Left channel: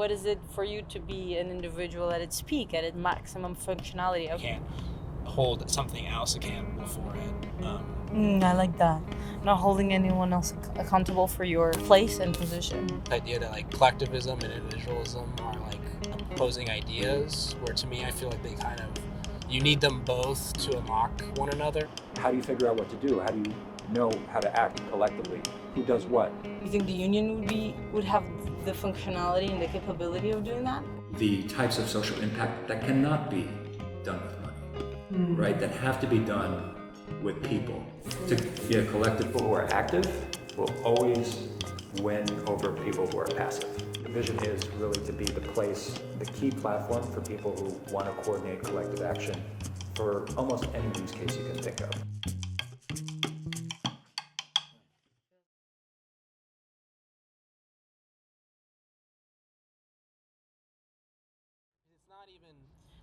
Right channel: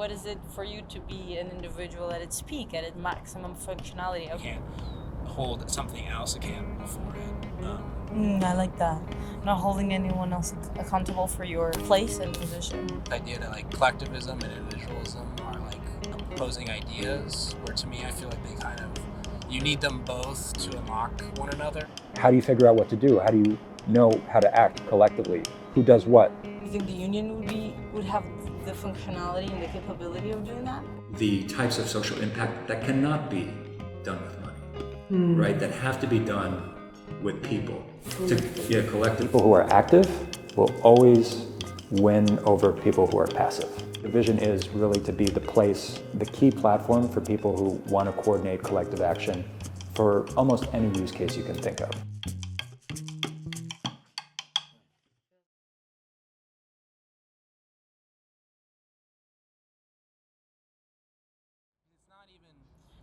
what is it for you to be an individual at its peak, at its maximum functionality? You can't hold something else accountable for it. I like that. Not holding anyone else accountable for your place and position. The idea that like collectivism and individualism are like opposing ideas, where to me I feel like they kind of, you need them both to unlock one another. How do you figure out what to do? How do you know how to act collectively? Who does what? You think the union would have the functionality and the capability of doing that? The types of social impact that cannot be done with money, right? That have to be done with people. Collective. People who are active will always win over people who are passive. The vision is really to be the place, the key platform for people who want to coordinate collective action for almost any use case you can think of.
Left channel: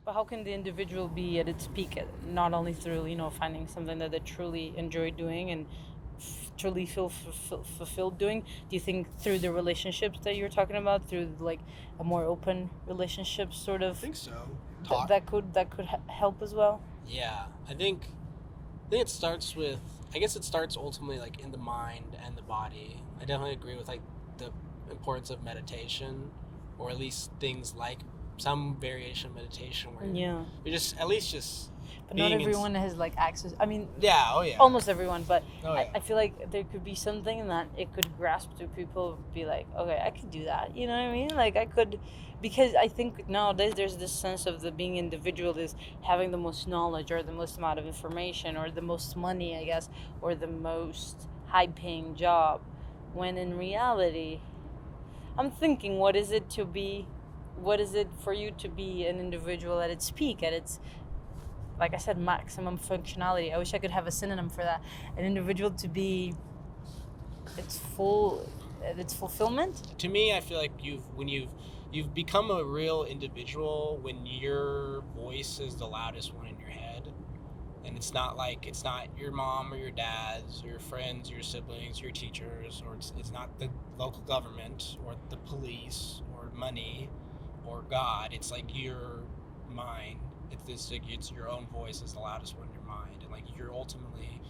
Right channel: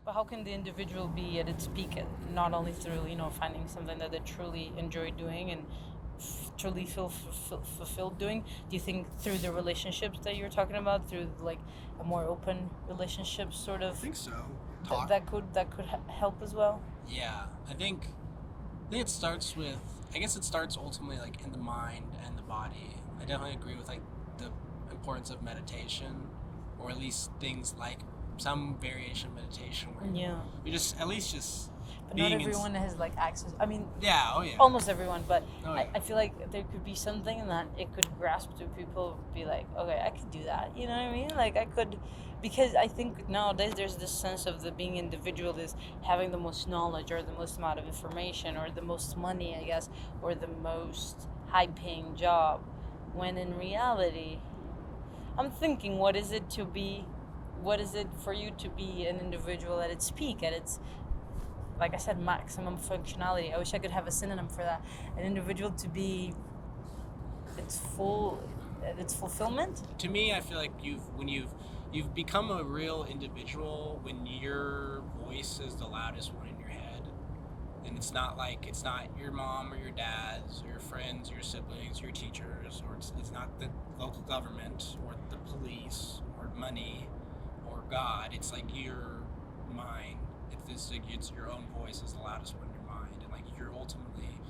But how can the individual be at its peak, not only through, finding something that they truly enjoy doing and truly feel fulfilled doing? Do you think through the relationships that you're talking about, through like a more open relationship sort of? I think so. That could help as well. Yeah, I think it starts with, I guess it starts ultimately like in the mind and the body. I definitely agree with like the importance of meditation, or at least things like some variation of meditation where you're just at least just. But not everyone has like access. I mean, yeah. Almost everyone, but yeah. I feel like there could be something that it could grasp to people, be like, okay, I could do that. You know what I mean? Like I could, because I think nowadays there's this sense of the being individual is having the most knowledge or the most amount of information or the most money, I guess, or the most high-paying job. When in reality, I'm thinking, what is it for you to be an individual at its peak, at its, like I said, maximum functionality? I wish I could have a synonym for that. An individual to be its fulfillment. To me, I feel like you've become a real individual when your voice is the loudest one in your head, and it's not your mom or your dad's or your friends, your siblings, your teachers, or it's not the local government or the police or money or God. It's like your mind. It's your own voice is the loudest one in your mind, and like you're ultimately,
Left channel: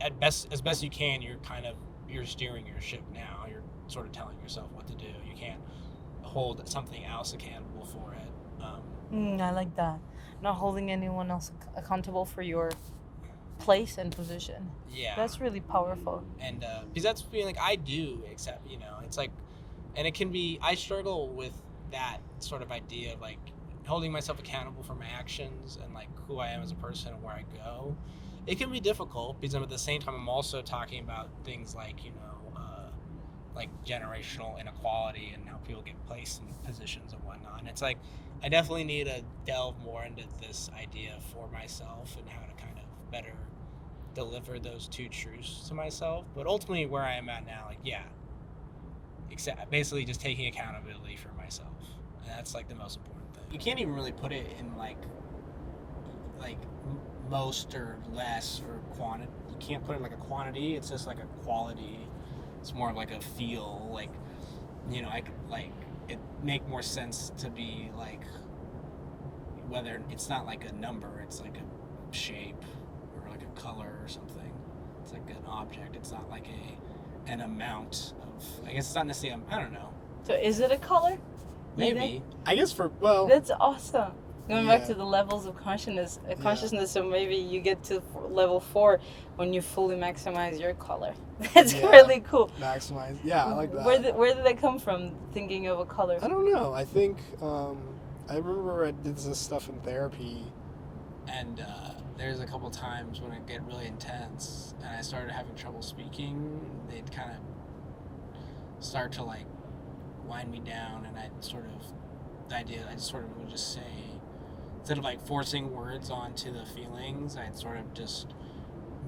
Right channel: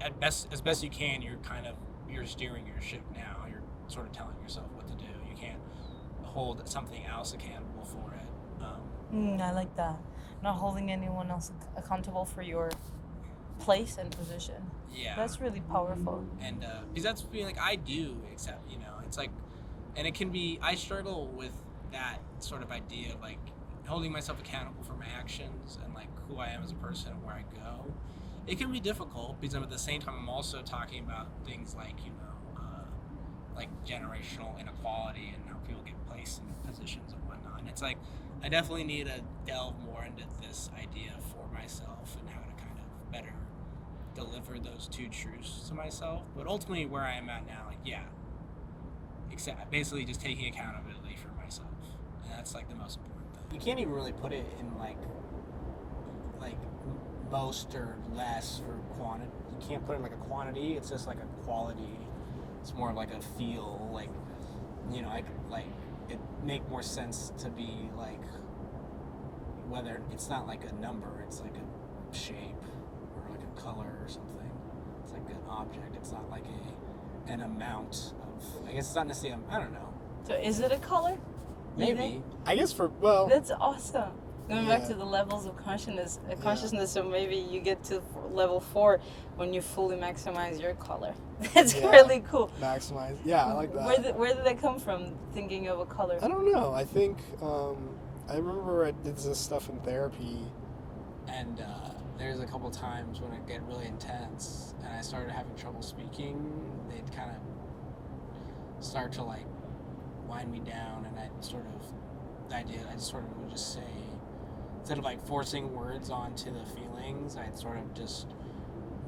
as best you can, you're steering your ship now. You're sort of telling yourself what to do. You can't hold something else accountable for it. I like that. Not holding anyone else accountable for your place and position. Yeah, that's really powerful. And because that's being like I do, except it's like, and it can be, I struggle with that sort of idea of like holding myself accountable for my actions and like who I am as a person and where I go. It can be difficult because at the same time I'm also talking about things like like generational inequality and how people get placed in positions and whatnot. And it's like I definitely need to delve more into this idea for myself and how to kind of better deliver those two truths to myself. But ultimately where I am at now, basically just taking accountability for myself, and that's like the most important thing. You can't even really put it in like most or less or quantity. You can't put it in like a quantity. It's just like a quality. It's more of like a feel. Like I could like it make more sense to be like whether it's not like a number. It's like a shape or like a color or something. It's like an object. It's not like an amount of. I guess it's not necessarily. I don't know. So is it a color? Maybe. I guess that's awesome. Going back to the levels of consciousness, so maybe you get to level 4 when you fully maximize your color. That's really cool. Maximize, I like that. Where did that come from? Thinking of a color. I don't know. I think I remember I did this stuff in therapy, and there's a couple times when it get really intense, and I started having trouble speaking. They'd kind of start to like wind me down, and I just sort of would just say, instead of like forcing words onto the feelings, I'd sort of just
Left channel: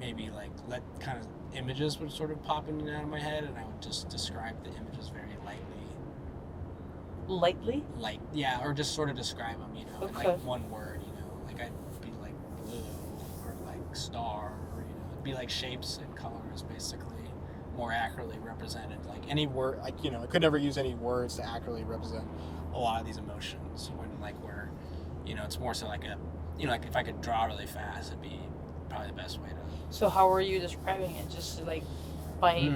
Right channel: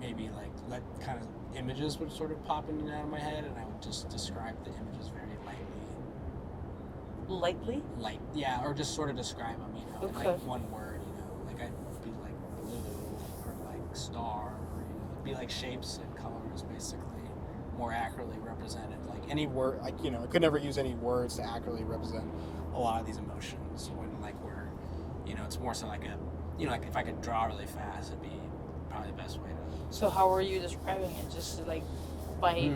maybe like let kind of images would sort of pop in and out of my head, and I would just describe the images very lightly. Lightly? Or just sort of describe them, in like one word, like I'd be like blue or like star, or, it'd be like shapes and colors basically. more accurately represented. Like any word, like I could never use any words to accurately represent a lot of these emotions. When like we're, it's more so like like if I could draw really fast, it'd be probably the best way to. So how are you describing it? Just like by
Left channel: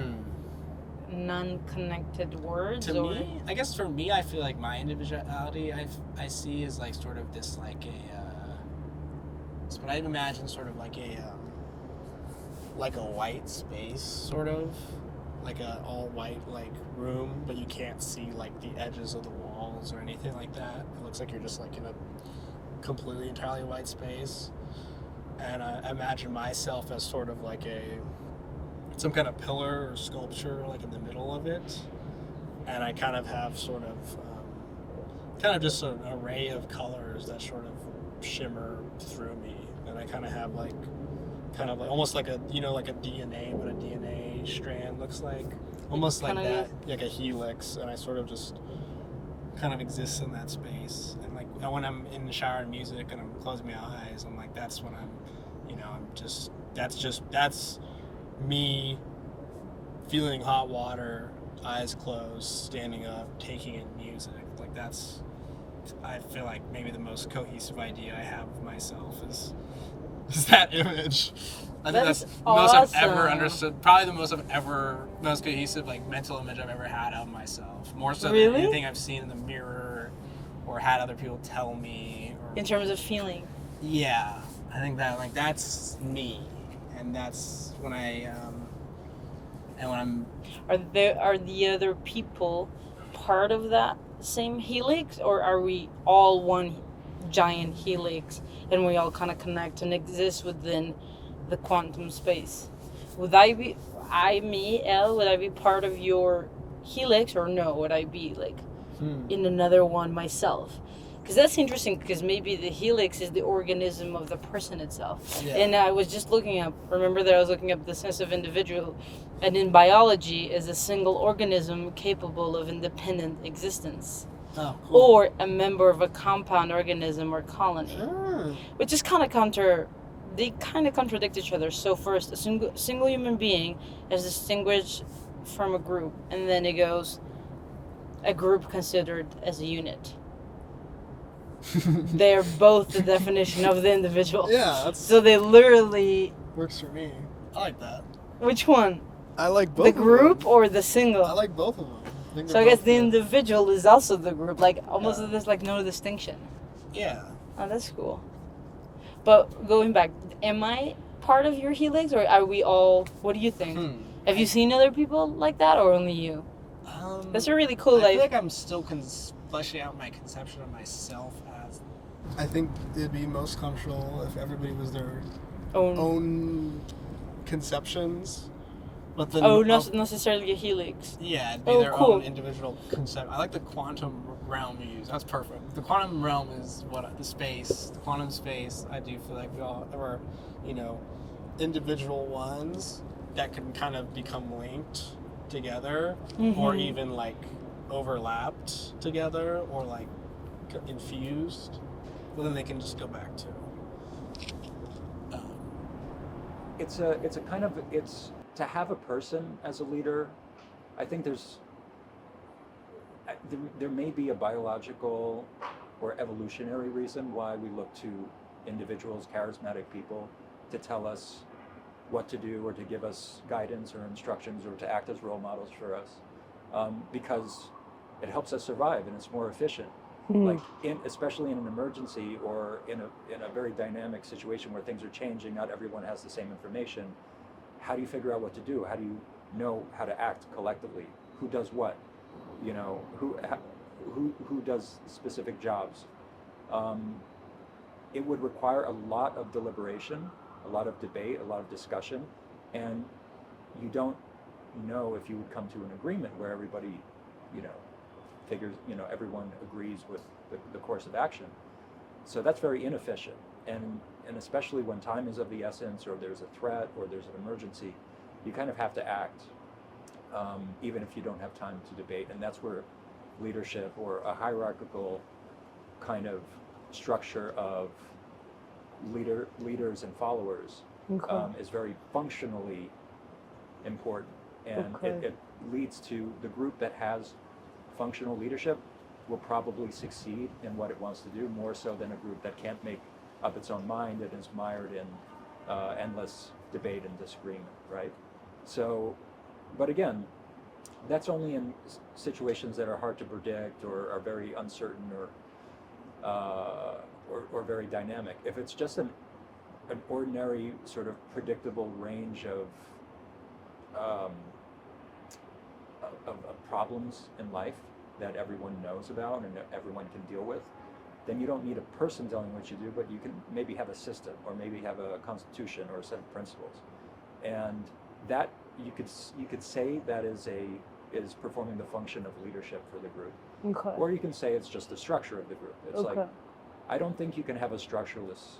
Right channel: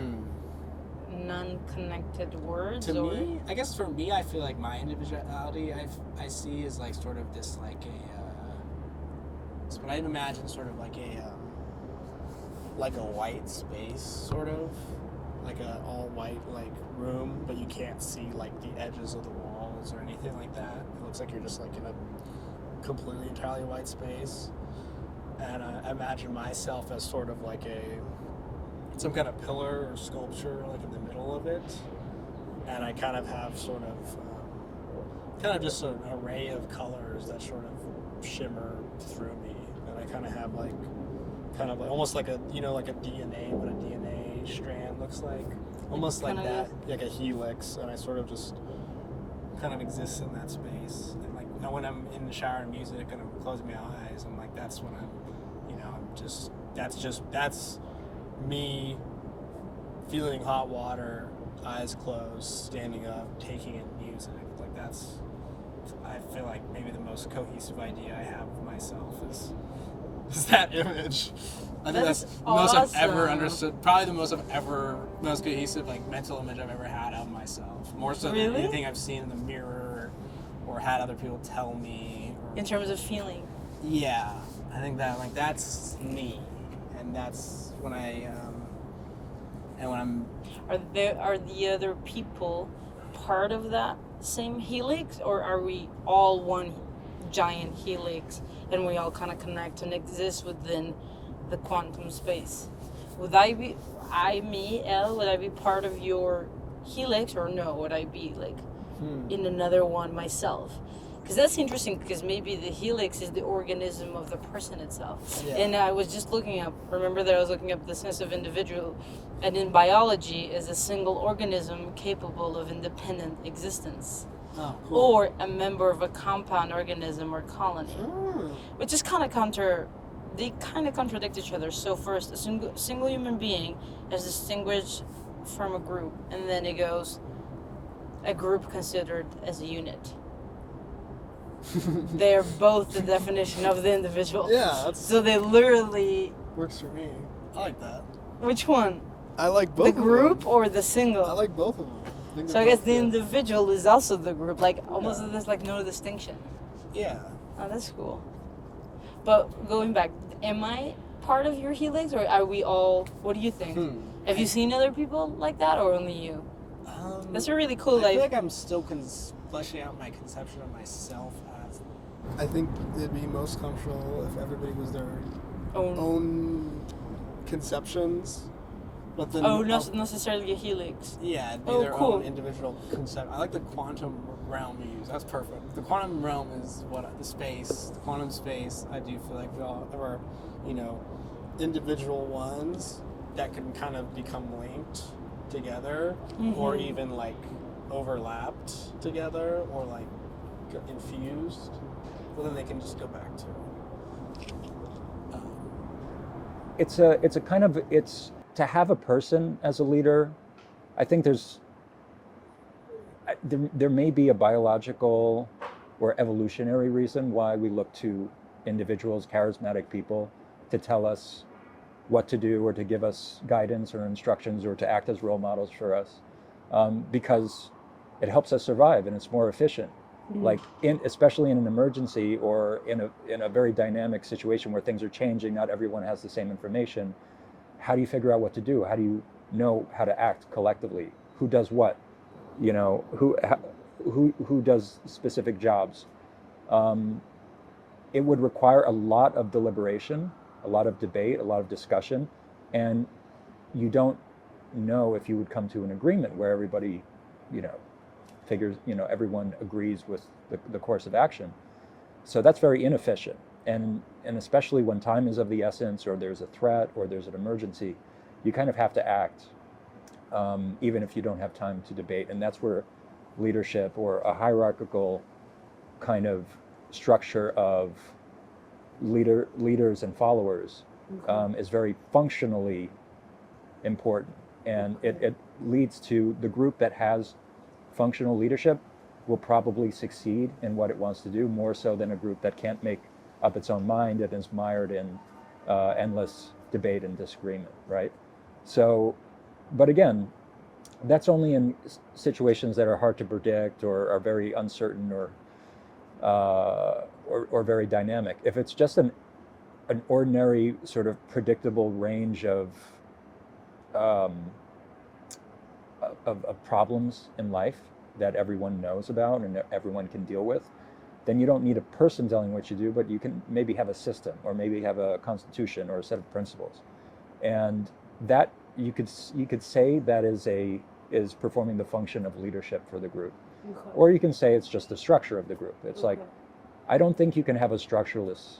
non-connected words? To or? me, I guess for me, I feel like my individuality I see is like sort of this like it's what I'd imagine sort of like a white space, sort of like a all white like room, but you can't see like the edges of the walls or anything like that. It looks like you're just like in a completely entirely white space, and I imagine myself as sort of like some kind of pillar or sculpture like in the middle of it, and I kind of have sort of just an array of colors that sort of shimmer through me, and I kind of have like almost like a like a DNA, what a DNA strand looks like, almost like that, like a helix, and I sort of just kind of exist in that space. And like when I'm in the shower and music and I'm closing my eyes, I'm like, that's when I'm that's me feeling hot water, eyes closed, standing up, taking in music. Like that's, I feel like maybe the most cohesive idea I have of myself is that image. I think that's the most I've ever understood. Probably the most cohesive like mental image I've ever had of myself. More so than anything I've seen in the mirror or had other people tell me. In terms of feeling. Yeah, I think that like that's me, and that's when I'm. Are the other people part of that same helix, or are we all one giant helix and we all kind of connect and exist within the quantum space? Would I be would I be part of your helix, or no? Would I be like in another one myself? Because that's interesting, because maybe the helix is the organism of the person itself. Yeah. And I was just remember that I was looking up the sense of individual, and in biology is a single organism capable of independent existence. Oh, cool. Or a member of a compound organism or colony. Which is they kind of contradict each other. So first, a single human being is distinguished from a group, and then it goes a group considered as a unit. They're both the definition of the individual. Yeah, so they literally works for me. I like that. Which one? I like both. The group or the single? I like both of them. So I guess the individual is also the group. Like almost there's like no distinction. Yeah. Oh, that's cool. But going back, am I part of your helix, or are we all? What do you think? Have you seen other people like that, or only you? That's a really cool. I feel like I'm still fleshing out my conception of myself as. I think it'd be most comfortable if everybody was their own conceptions, but then not necessarily a helix. Yeah, it'd be their own individual concept. I like the quantum realm you use. That's perfect. The quantum realm is the quantum space. I do feel like we all are, individual ones that can kind of become linked together, or even like overlapped together, or like infused, but then they can just go back to. It's to have a person as a leader. I think there may be a biological or evolutionary reason why we look to individuals, charismatic people, to tell us what to do or to give us guidance or instructions or to act as role models for us, because it helps us survive and it's more efficient. Like especially in an emergency or in a very dynamic situation where things are changing, not everyone has the same information. How do you figure out what to do? How do you know how to act collectively? Who does what? Who does specific jobs? It would require a lot of deliberation, a lot of debate, a lot of discussion, and you don't know if you would come to an agreement where everybody, figures, everyone agrees with the course of action. So that's very inefficient. And especially when time is of the essence, or there's a threat, or there's an emergency, you kind of have to act, even if you don't have time to debate. And that's where leadership, or a hierarchical kind of structure of leaders and followers, is very functionally important. And Okay. it leads to the group that has functional leadership will probably succeed in what it wants to do more so than a group that can't make up its own mind and is mired in endless debate and disagreement, right? So, but again, that's only in situations that are hard to predict or are very uncertain or very dynamic. If it's just an ordinary sort of predictable range um, of problems in life that everyone knows about and that everyone can deal with, then you don't need a person telling what you do, but you can maybe have a system or maybe have a constitution or a set of principles, and that you could say that is performing the function of leadership for the group, Okay. or you can say it's just the structure of the group. It's like, Okay. I don't think you can have a structureless,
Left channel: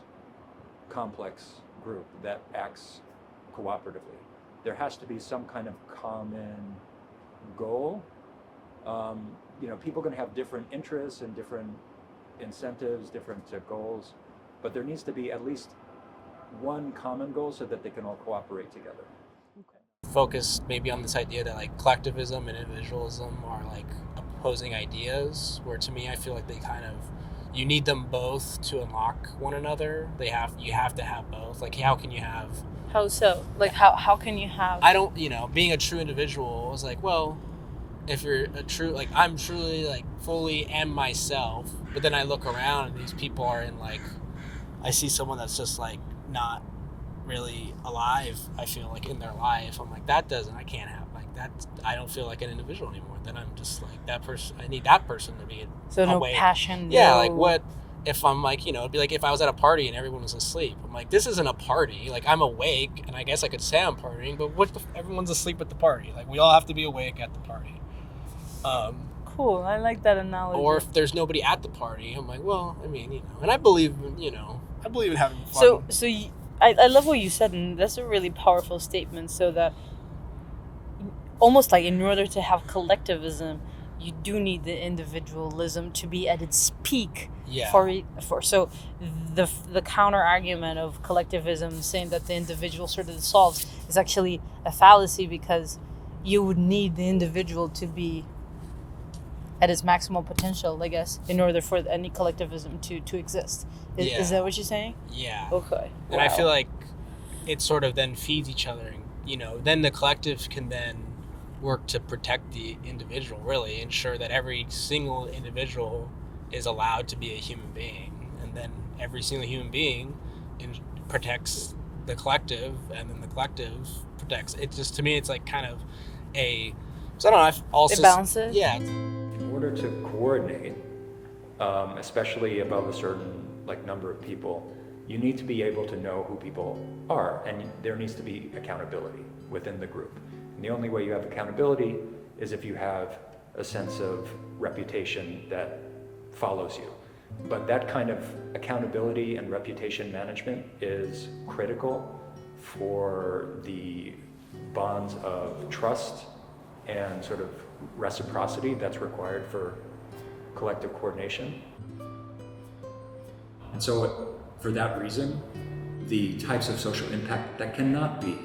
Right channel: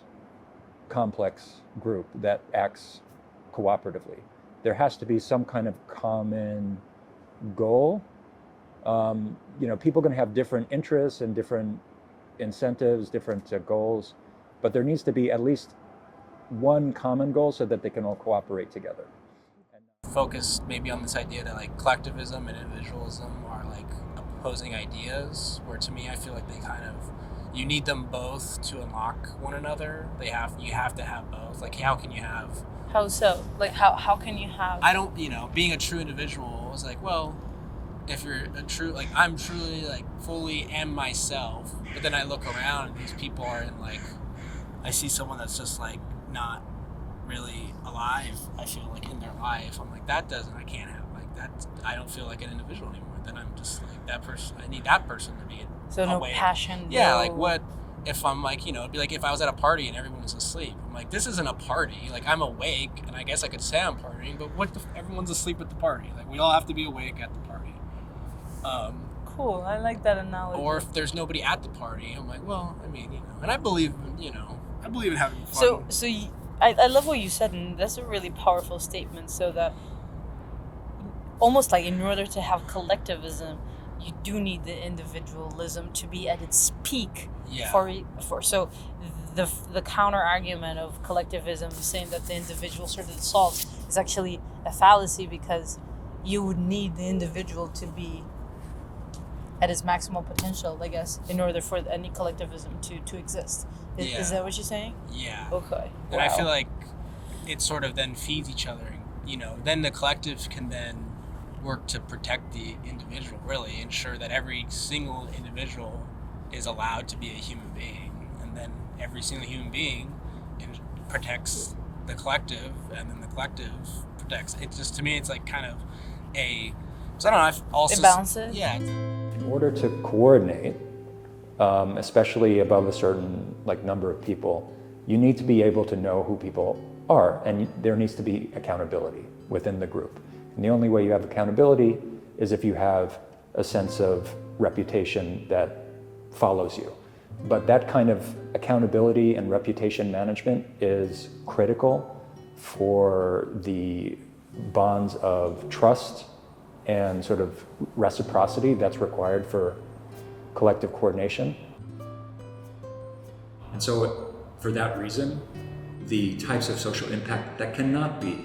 complex group that acts cooperatively. There has to be some kind of common goal. People are going to have different interests and different incentives, different goals, but there needs to be at least one common goal so that they can all cooperate together. Focused maybe on this idea that like collectivism and individualism are like opposing ideas, where to me I feel like they kind of, you need them both to unlock one another. You have to have both. Like, how can you have, How so? Like, how can you have? I don't, being a true individual is like, well, if you're a true, like, I'm truly like fully am myself, but then I look around and these people are in like, I see someone that's just like not really alive, I feel like, in their life. I'm like, I can't have like that. I don't feel like an individual anymore. Then I'm just like that person. I need that person to be So no awake. passion. Yeah, no... like what if I'm like, it'd be like if I was at a party and everyone was asleep. I'm like, this isn't a party. Like, I'm awake, and I guess I could say I'm partying, but what if everyone's asleep at the party? Like, we all have to be awake at the party. Cool. I like that analogy. Or if there's nobody at the party, I'm like, well, I mean, and I believe in, I believe in having fun. I love what you said, and that's a really powerful statement. So that almost like in order to have collectivism, you do need the individualism to be at its peak. Yeah. So the counter argument of collectivism saying that the individual sort of solves is actually a fallacy, because you would need the individual to be at its maximal potential, I guess, in order for any collectivism to exist. Is that what you're saying? Yeah. Okay. And Wow. I feel like it sort of then feeds each other. And, then the collective can then work to protect the individual, really ensure that every single individual is allowed to be a human being. And then every single human being protects the collective, and then the collective protects. It's just, to me, it's like kind of so I don't know, I've also... It balances? Yeah. In order to coordinate, especially above a certain number of people, you need to be able to know who people are, and there needs to be accountability within the group. And the only way you have accountability is if you have a sense of reputation that follows you. But that kind of accountability and reputation management is critical for the bonds of trust and sort of reciprocity that's required for collective coordination. And so for that reason, the types of social impact that cannot be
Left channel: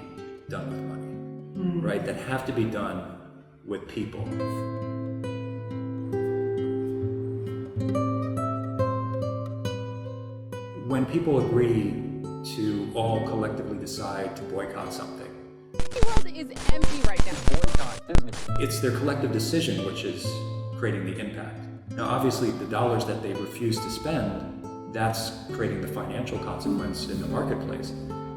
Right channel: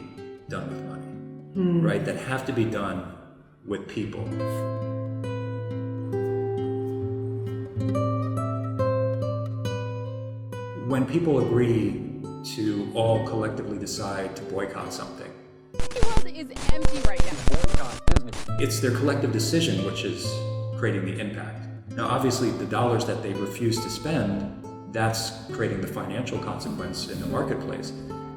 done with money, right, that have to be done with people. When people agree to all collectively decide to boycott something, The world is empty right now. it's their collective decision which is creating the impact. Now, obviously, the dollars that they refuse to spend, that's creating the financial consequence in the marketplace.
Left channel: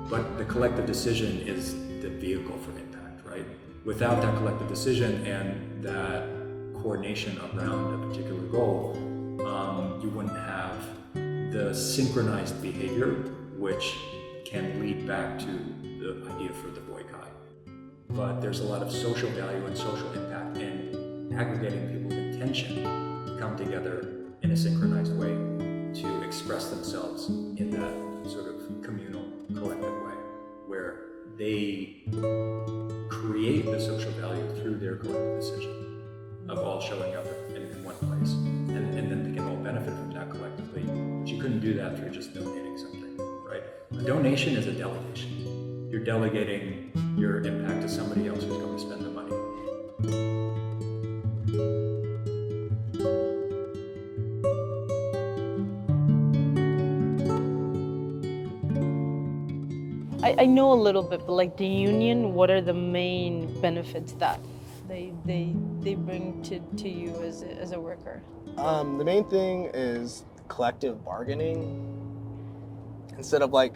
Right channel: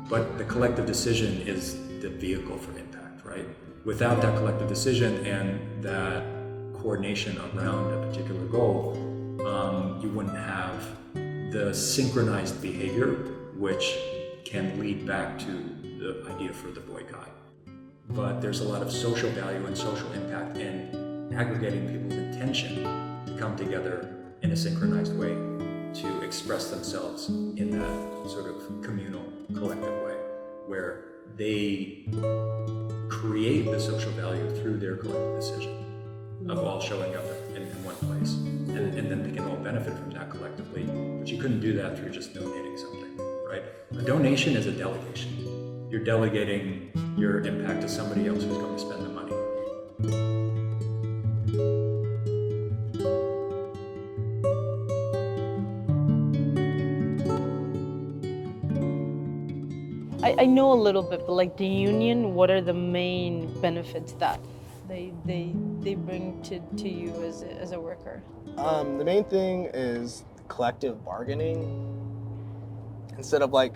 But the collective decision is the vehicle for impact, right? Without that collective decision and that coordination around a particular goal, you wouldn't have the synchronized behavior, which can lead back to the idea for the boycott. But there's a lot of social value and social impact in aggregating people's intention to come together in a synchronized way to express themselves in that sort of communal, collective way, where they create the social value through their collective decision of all showing up in one place. And then they can all benefit from that collectively. But you couldn't do that through just donating something, right? A donation is a delegation. You're delegating your impact to somebody else who's going to spend the money. I know a little bit, but like the union, what are the main benefits that they bring to you as a worker? The main thing is collective bargaining. Instead of like,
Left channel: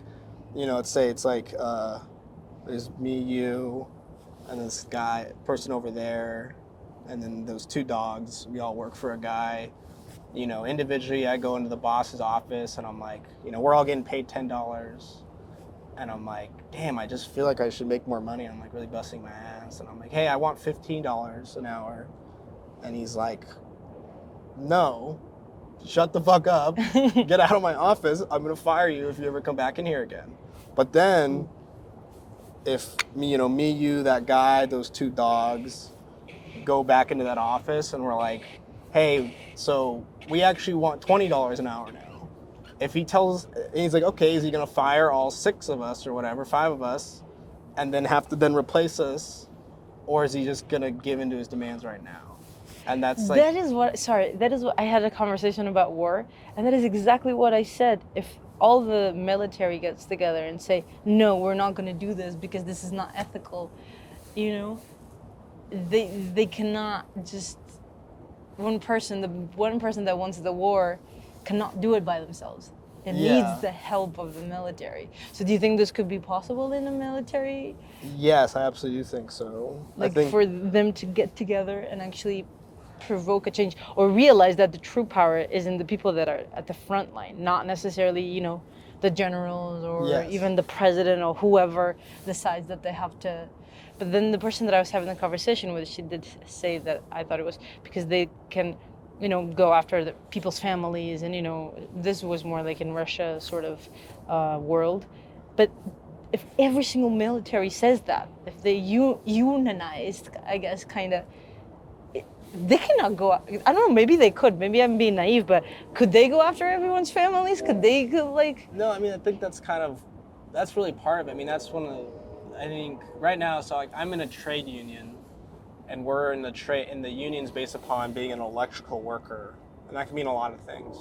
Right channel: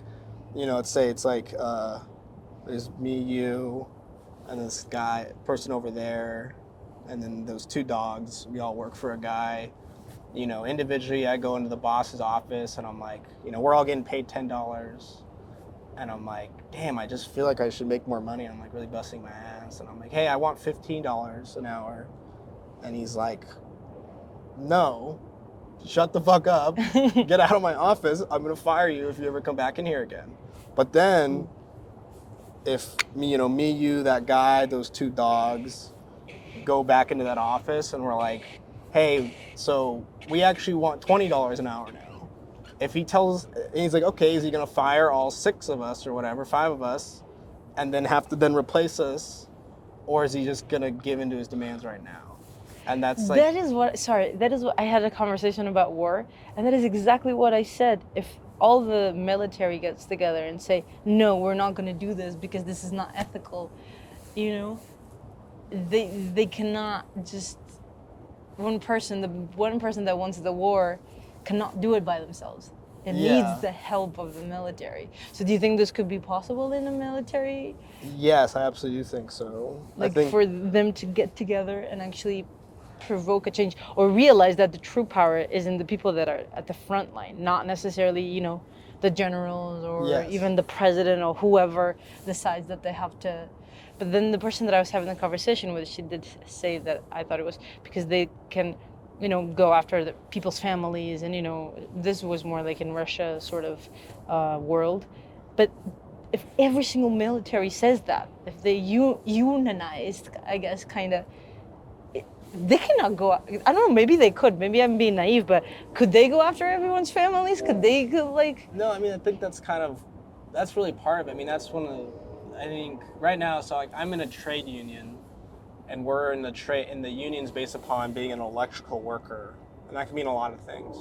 let's say it's like there's me, you, and this person over there, and then those two dogs. We all work for a guy. Individually, I go into the boss's office and I'm like, we're all getting paid $10. And I'm like, damn, I just feel like I should make more money. I'm like really busting my ass. And I'm like, hey, I want $15 an hour. And he's like, no, shut the fuck up. Get out of my office. I'm going to fire you if you ever come back in here again. But then if me, you, that guy, those two dogs go back into that office and we're like, hey, so we actually want $20 an hour now. If he's like, okay, is he gonna fire all 6 of us or whatever, 5 of us, and then have to then replace us, or is he just gonna give into his demands right now? And that's like that is what I had a conversation about war, and that is exactly what I said. If all the military gets together and say, no, we're not gonna do this because this is not ethical, they cannot just the one person that wants the war cannot do it by themselves. It needs the help of the military. So do you think this could be possible in the military? Yes, I absolutely do think so. Like for them to get together and actually provoke a change, or realize that the true power is in the people that are at the front line, not necessarily, the generals or even the president or whoever decides that they have to. But then the person that I was having the conversation with, she did say that I thought it was because they can go after the people's families, and this was more like in Russia sort of world. But if every single military says that, if they unionized, I guess, kind of, they cannot go. I don't know. Maybe they could. Maybe I'm being naive, but could they go after everyone's families? Could they like? No, I mean, I think that's really part of it. I mean, that's one of the, I think right now. So like, I'm in a trade union. And we're in the union's based upon being an electrical worker, and that can mean a lot of things.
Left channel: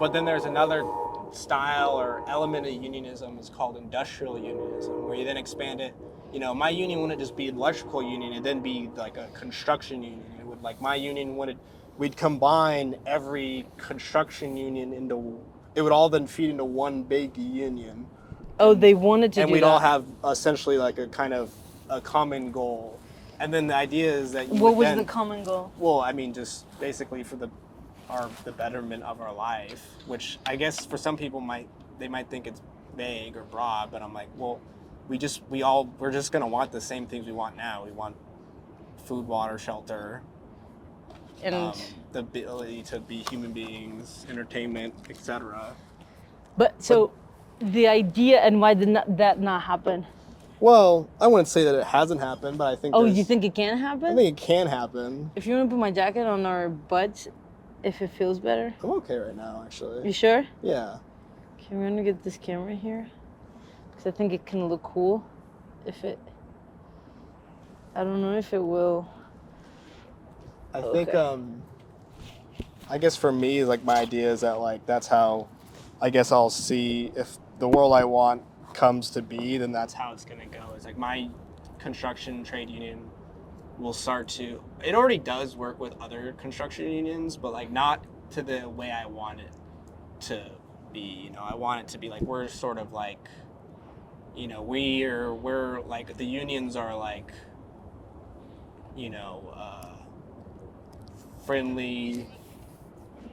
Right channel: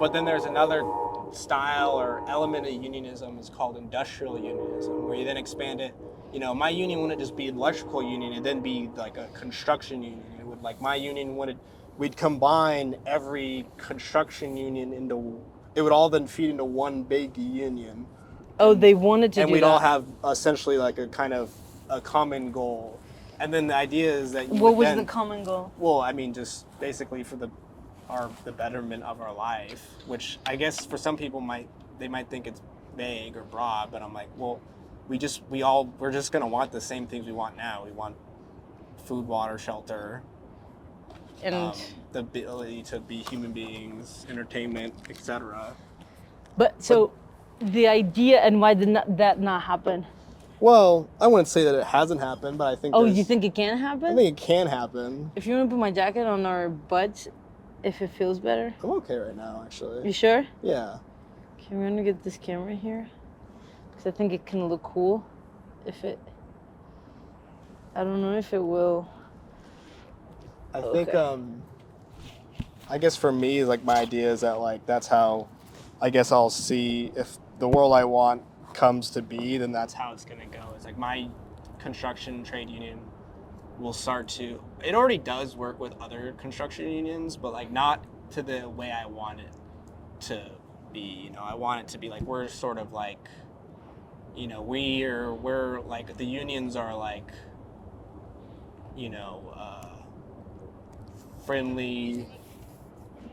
But then there's another style or element of unionism is called industrial unionism, where you then expand it. My union wouldn't just be an electrical union; it'd then be like a construction union. It would my union we'd combine every construction union into. It would all then feed into one big union. Oh, they wanted to do that. And we'd all have essentially like a kind of a common goal. And then the idea is that what was the common goal? Well, I mean, just basically for the betterment of our life, which I guess for some people they might think it's vague or broad, but I'm like, well, we're just gonna want the same things we want now. We want food, water, shelter, and the ability to be human beings, entertainment, etc. But the idea, and why did that not happen? Well, I wouldn't say that it hasn't happened, but I think. Oh, you think it can happen? I think it can happen. If you want to put my jacket on our butts, if it feels better. I'm okay right now, actually. You sure? Yeah. Okay, we're gonna get this camera here, because I think it can look cool. I don't know if it will. I think, I guess for me, like my idea is that like that's how, I guess I'll see if the world I want comes to be, then that's how it's gonna go. It's like my construction trade union will start to, it already does work with other construction unions, but like not to the way I want it to be. I want it to be like we're sort of like, we're like the unions are like, friendly.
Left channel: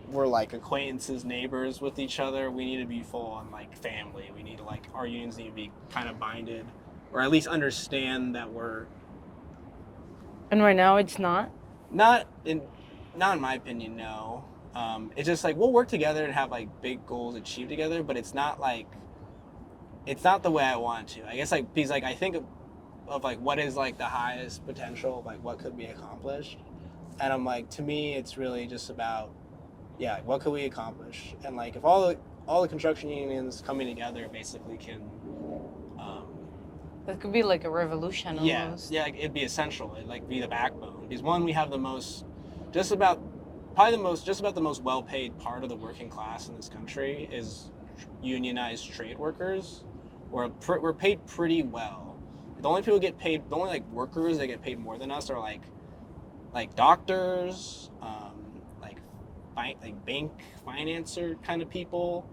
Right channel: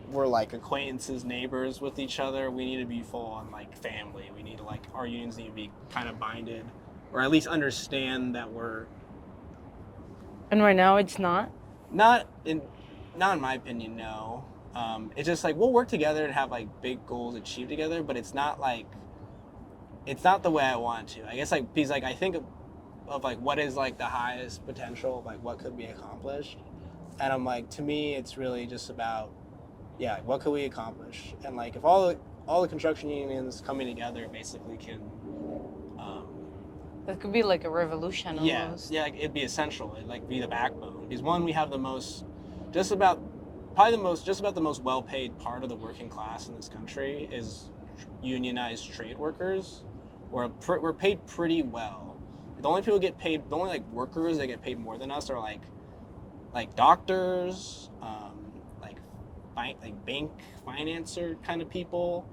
We're like acquaintances, neighbors with each other. We need to be full on like family. We need to like, our unions need to be kind of binded, or at least understand that we're. And right now it's not? Not in my opinion, no. It's just like, we'll work together and have like big goals achieved together, but it's not the way I want it to. I guess like, because like I think of like what is like the highest potential of like what could be accomplished. And I'm like, to me, it's really just about, what could we accomplish? And like, if all the construction unions coming together basically can That could be like a revolution almost. Yeah, like, it'd be essential. It'd like be the backbone. Because one, we have the most, just about the most well-paid part of the working class in this country is unionized trade workers. We're paid pretty well. The only people get paid, the only like workers that get paid more than us are like doctors, like bank financer kind of people.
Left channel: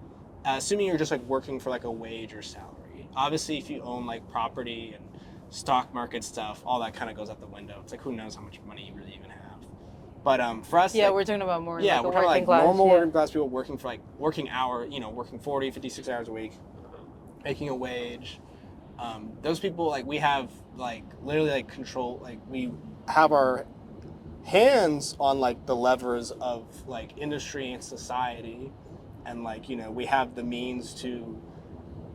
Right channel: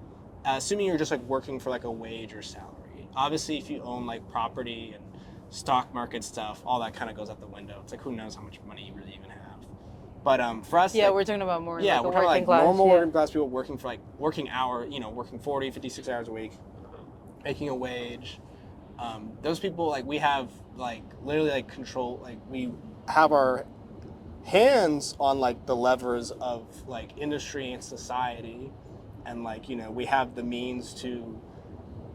Assuming you're just like working for like a wage or salary. Obviously, if you own like property and stock market stuff, all that kind of goes out the window. It's like who knows how much money you really even have. But for us, Yeah, like, we're talking about more yeah, like we're a talking working like class. normal yeah. working class people working for like working 40, 56 hours a week, making a wage. Those people, like, we have like literally like control, like we have our hands on like the levers of like industry and society, and like, you know, we have the means to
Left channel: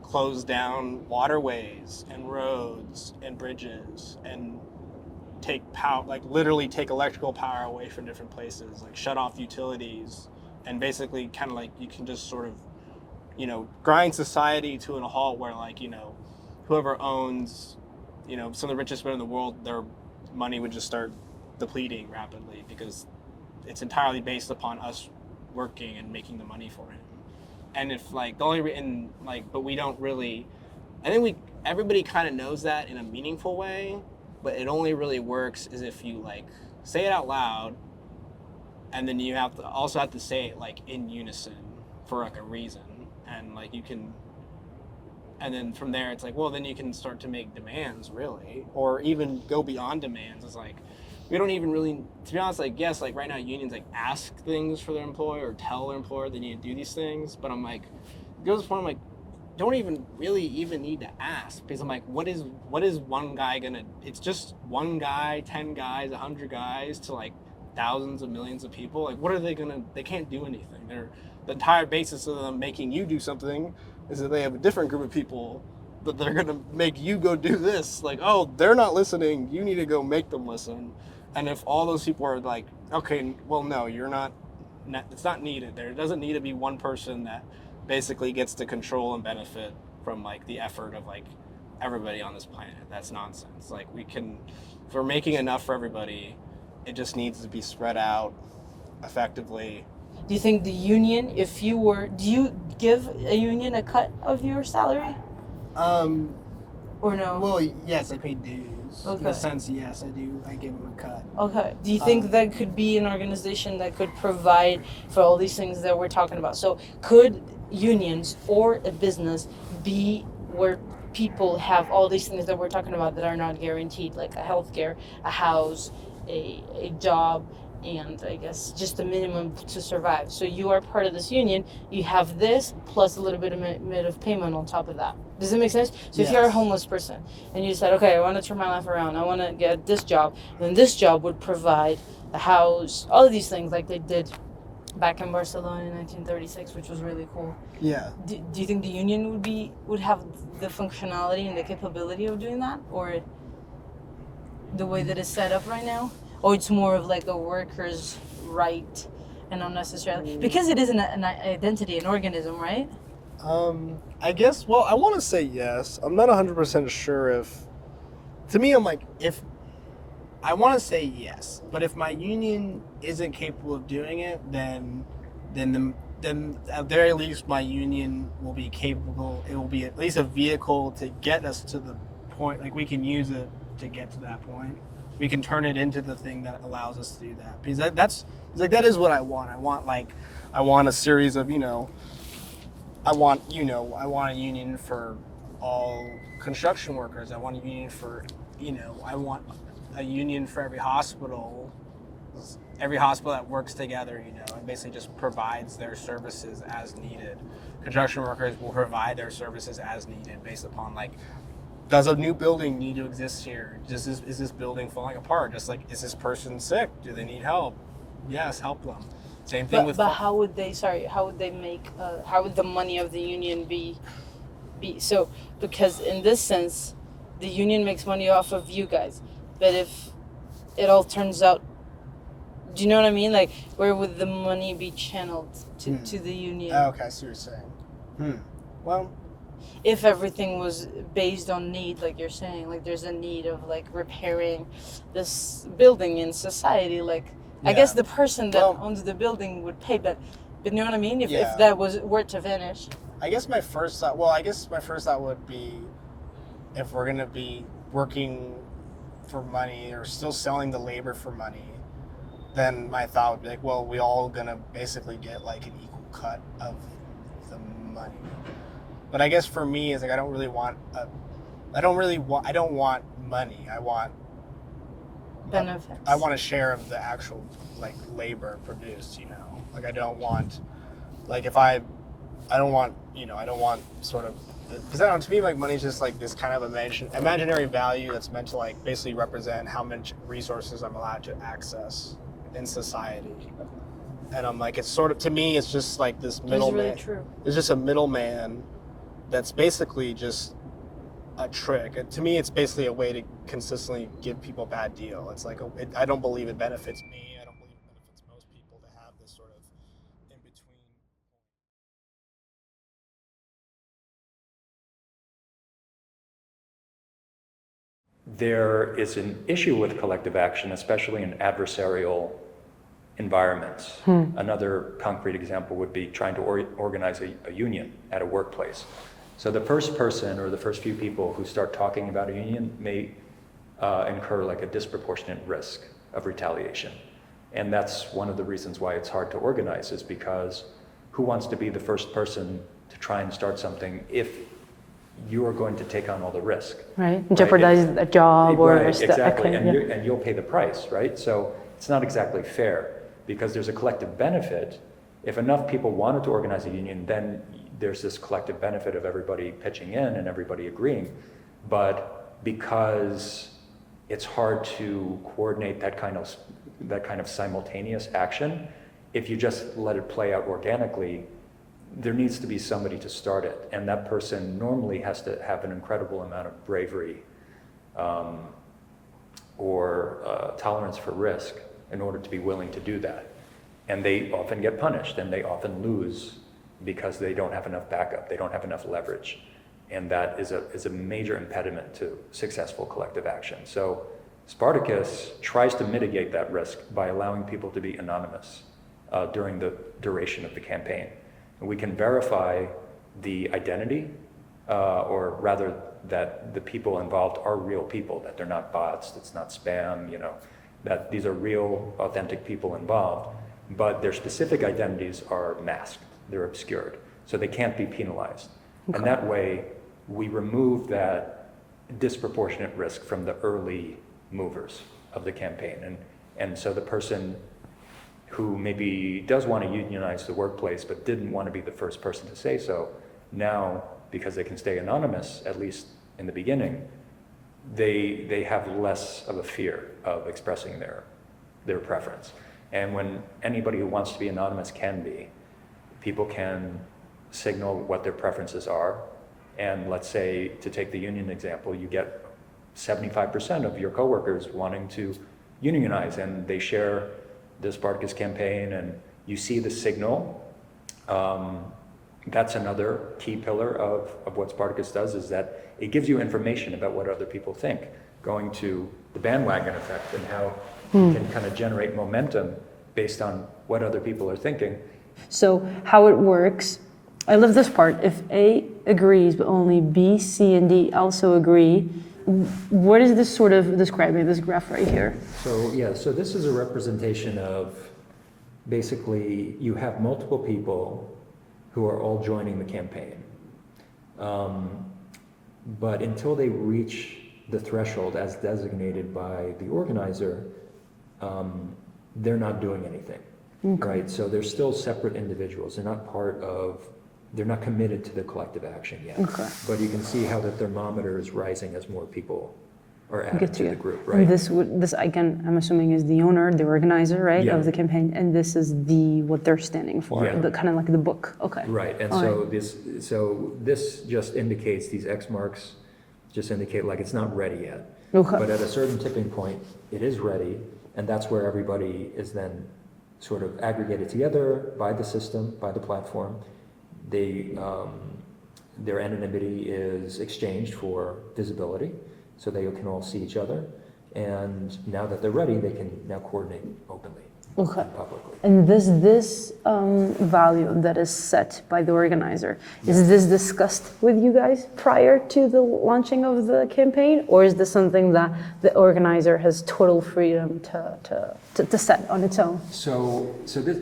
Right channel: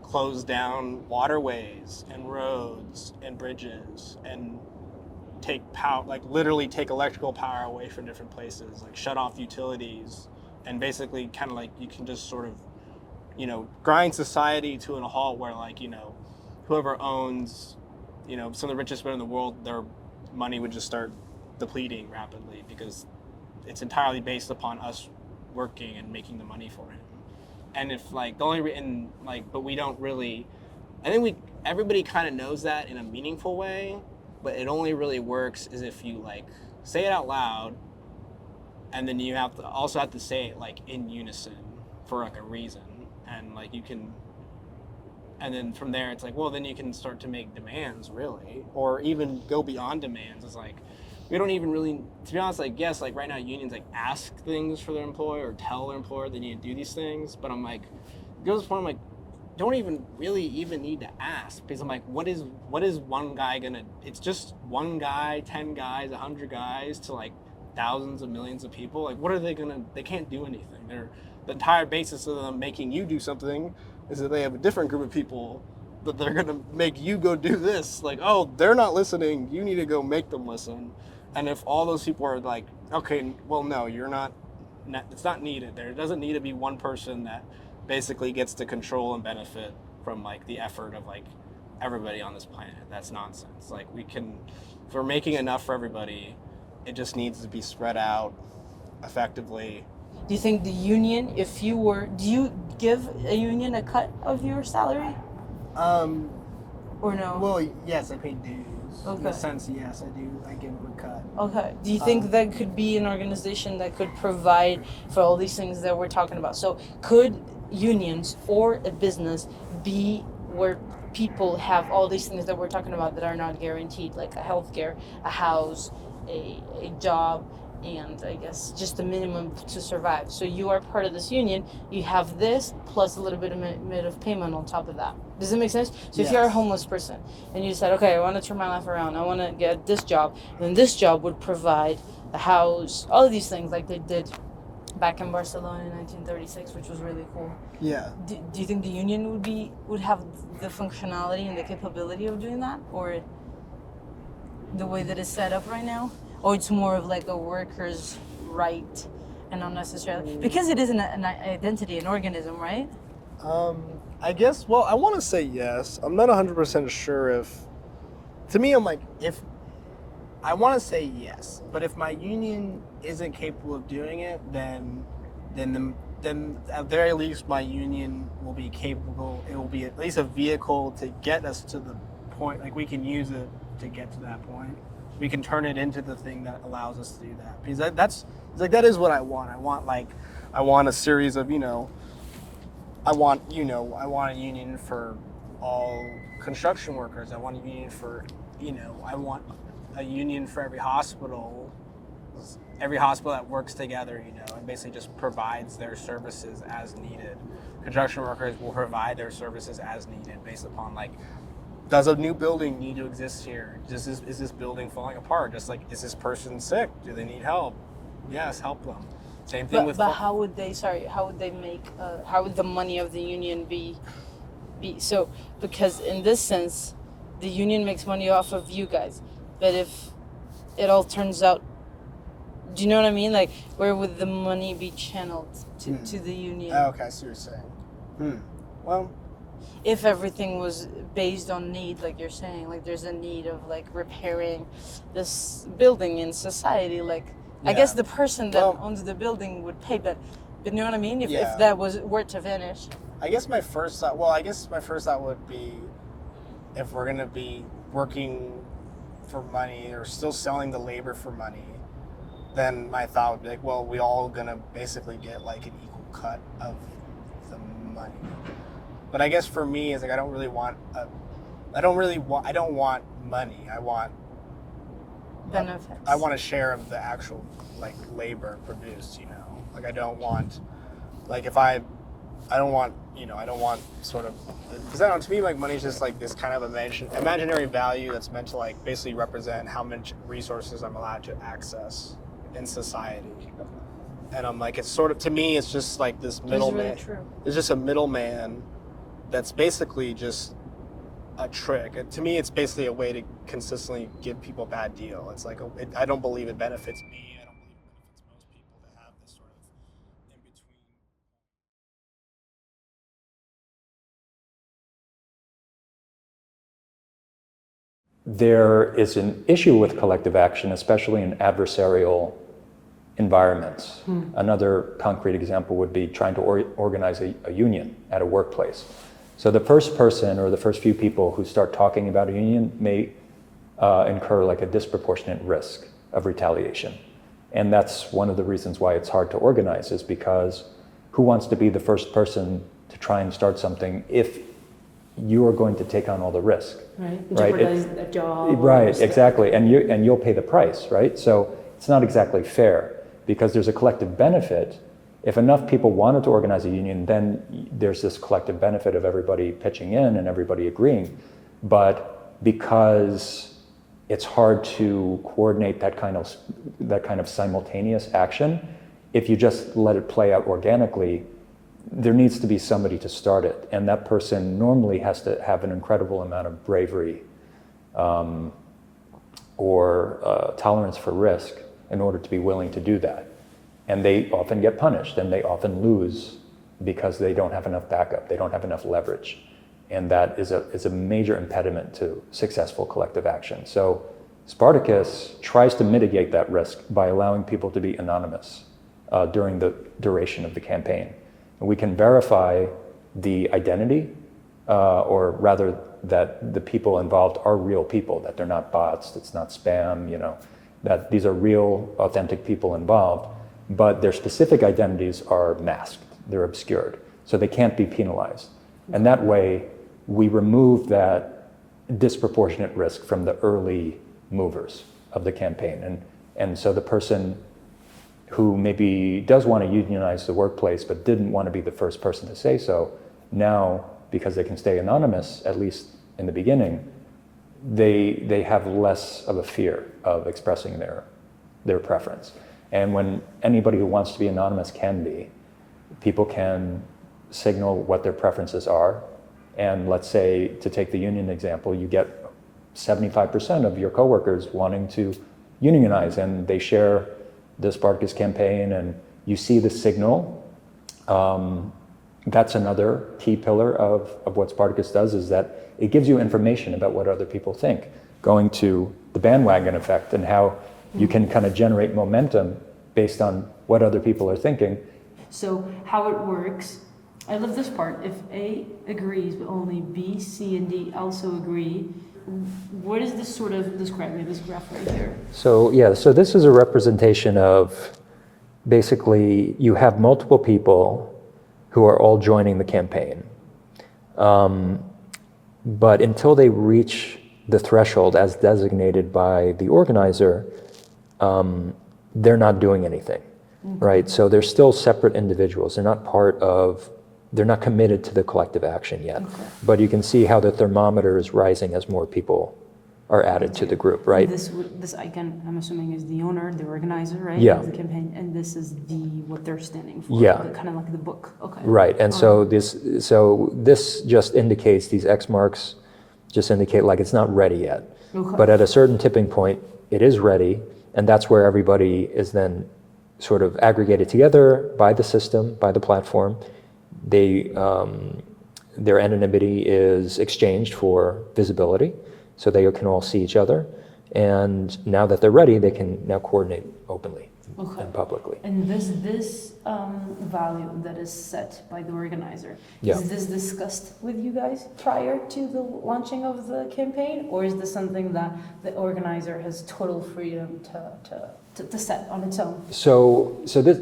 close down waterways and roads and bridges and take power, like literally take electrical power away from different places, like shut off utilities, and basically kind of like you can just sort of, you know, grind society to a halt where, like, you know, whoever owns, you know, some of the richest men in the world, their money would just start depleting rapidly because it's entirely based upon us working and making the money for him. And if like the only and like, but we don't really, I think everybody kind of knows that in a meaningful way, but it only really works is if you like say it out loud, and then you also have to say it like in unison for like a reason, and like you can, and then from there it's like, well, then you can start to make demands, really, or even go beyond demands. It's like, we don't even really, to be honest, like, yes, like right now unions like ask things for their employer or tell their employer they need to do these things, but I'm like, it goes to the point, I'm like, don't even really even need to ask, because I'm like, what is one guy gonna, it's just one guy, 10 guys, 100 guys to like thousands of millions of people. Like, what are they gonna, they can't do anything. The entire basis of them making you do something is that they have a different group of people that they're gonna make you go do this. Like, oh, they're not listening, you need to go make them listen. And if all those people are like, okay, well, no, you're not, it's not needed. There doesn't need to be one person that basically gets to control and benefit from like the effort of like everybody on this planet. That's nonsense. Like, if we're making enough for everybody, it just needs to be spread out effectively. Do you think the union, do you give a union a cut of your salary? Or no? Well, yes, I pay dues. Okay. In a sense, yes, I do. I give them a cut. Okay. Do you think that could be an organization that could provide for all these things that we're talking about? So could unions or a business be where people have all these things that we're talking about that are not guaranteed, like a healthcare, a house, a job, and I guess just the minimum to survive? So you are part of this union, you have this plus a little bit of payment on top of that. Does it make sense? So if you're a homeless person and you decide, okay, I want to turn my life around, I want to get this job, then this job would provide a house, all of these things like they did back in Barcelona in 1936, which was really cool. Yeah. Do you think the union would have the functionality and the capability of doing that, or the way that it's set up right now? Or it's more of like a worker's right and not necessarily, because it is an identity, an organism, right? I guess, well, I want to say yes. I'm not 100% sure if, to me, I'm like, if, I want to say yes, but if my union isn't capable of doing it, then at very least my union will be capable, it will be at least a vehicle to get us to the point, like we can use it to get to that point. We can turn it into the thing that allows us to do that. Because that is what I want. I want a series of, I want a union for all construction workers. I want a union for, I want a union for every hospital that works together, and basically just provides their services as needed. Construction workers will provide their services as needed based upon, like, does a new building need to exist here? Is this building falling apart? Just like, is this person sick? Do they need help? Yes, help them. Same thing with. But how would they make? How would the money of the union be? So, because in this sense, the union makes money off of you guys. But if it all turns out, do you know what I mean? Like, where would the money be channeled to the union? Okay, I see what you're saying. Well, if everything was based on need, like you're saying, like there's a need of like repairing this building in society, like I guess Yeah. the person that Well- owns the building would pay, but you know what I mean? If Yeah. that was were to vanish. I guess my first thought would be, if we're gonna be working for money or still selling the labor for money, then my thought would be like, well, we all gonna basically get like an equal cut of the money. But I guess for me, it's like I don't want money. I want Benefits. I want a share of the actual like labor produced. Like I don't want sort of, because to me, like, money is just like this kind of imaginary value that's meant to like basically represent how much resources I'm allowed to access in society. And I'm like, it's sort of, to me, it's just like this middleman. really true. It's just a middleman that's basically just a trick. And to me, it's basically a way to consistently give people a bad deal. It's like, I don't believe it benefits me. I don't believe it benefits most people to have this sort of in between. There is an issue with collective action, especially in adversarial environments. Another concrete example would be trying to organize a union at a workplace. So the first person or the first few people who start talking about a union may incur like a disproportionate risk of retaliation. And that's one of the reasons why it's hard to organize, is because who wants to be the first person to try and start something if you are going to take on all the risk? Right, jeopardize a job or right, risk that- exactly, okay, and yeah. you'll pay the price, right? So it's not exactly fair, because there's a collective benefit. If enough people wanted to organize a union, then there's this collective benefit of everybody pitching in and everybody agreeing. But because it's hard to coordinate that kind of simultaneous action, if you just let it play out organically, there needs to be somebody to start it, and that person normally has to have an incredible amount of bravery or tolerance for risk in order to be willing to do that. And they often get punished, and they often lose because they don't have enough backup, they don't have enough leverage. And that is a major impediment to successful collective action. So Spartacus tries to mitigate that risk by allowing people to be anonymous during the duration of the campaign. And we can verify the identity, or rather that the people involved are real people, that they're not bots, it's not spam, that these are real, authentic people involved, but their specific identities are masked, they're obscured, so they can't be penalized. Okay. And that way, we remove that disproportionate risk from the early movers of the campaign. And so the person who maybe does want to unionize the workplace but didn't want to be the first person to say so, now, because they can stay anonymous, at least in the beginning, they have less of a fear of expressing their preference. And when anybody who wants to be anonymous can be, people can signal what their preferences are. And let's say, to take the union example, you get 75% of your coworkers wanting to unionize, and they share the Spartacus campaign, and you see the signal. That's another key pillar of what Spartacus does, is that it gives you information about what other people think, going to the bandwagon effect and how you can kind of generate momentum based on what other people are thinking. So how it works, I love this part. If A agrees, but only B, C, and D also agree, what is this sort of, describe me this graph right here? So this is a representation of, basically, you have multiple people who are all joining the campaign. But until they reach the threshold as designated by the organizer, they're not doing anything, right? So they're still separate individuals. They're not committed to the collective action yet. Okay. But you can see how the thermometer is rising as more people are added to the group, right? This icon, I'm assuming, is the owner, the organizer, right, yeah. of the campaign, and this is what they're standing for, yeah. Kind of like the book. Okay. Right, and this just indicates, these X marks just indicate like it's not ready yet. Okay. But at a certain tipping point, it is ready, and that's where everybody is then sort of aggregated together by the system, by the platform. They their anonymity is exchanged for visibility, so they can all see each other. And now that they're ready, they can now coordinate openly and publicly. And this value that is set by the organizer, Yeah. is this discussed with you guys prior to the launching of the campaign? Or is this something that the organizer has total freedom to set on its own?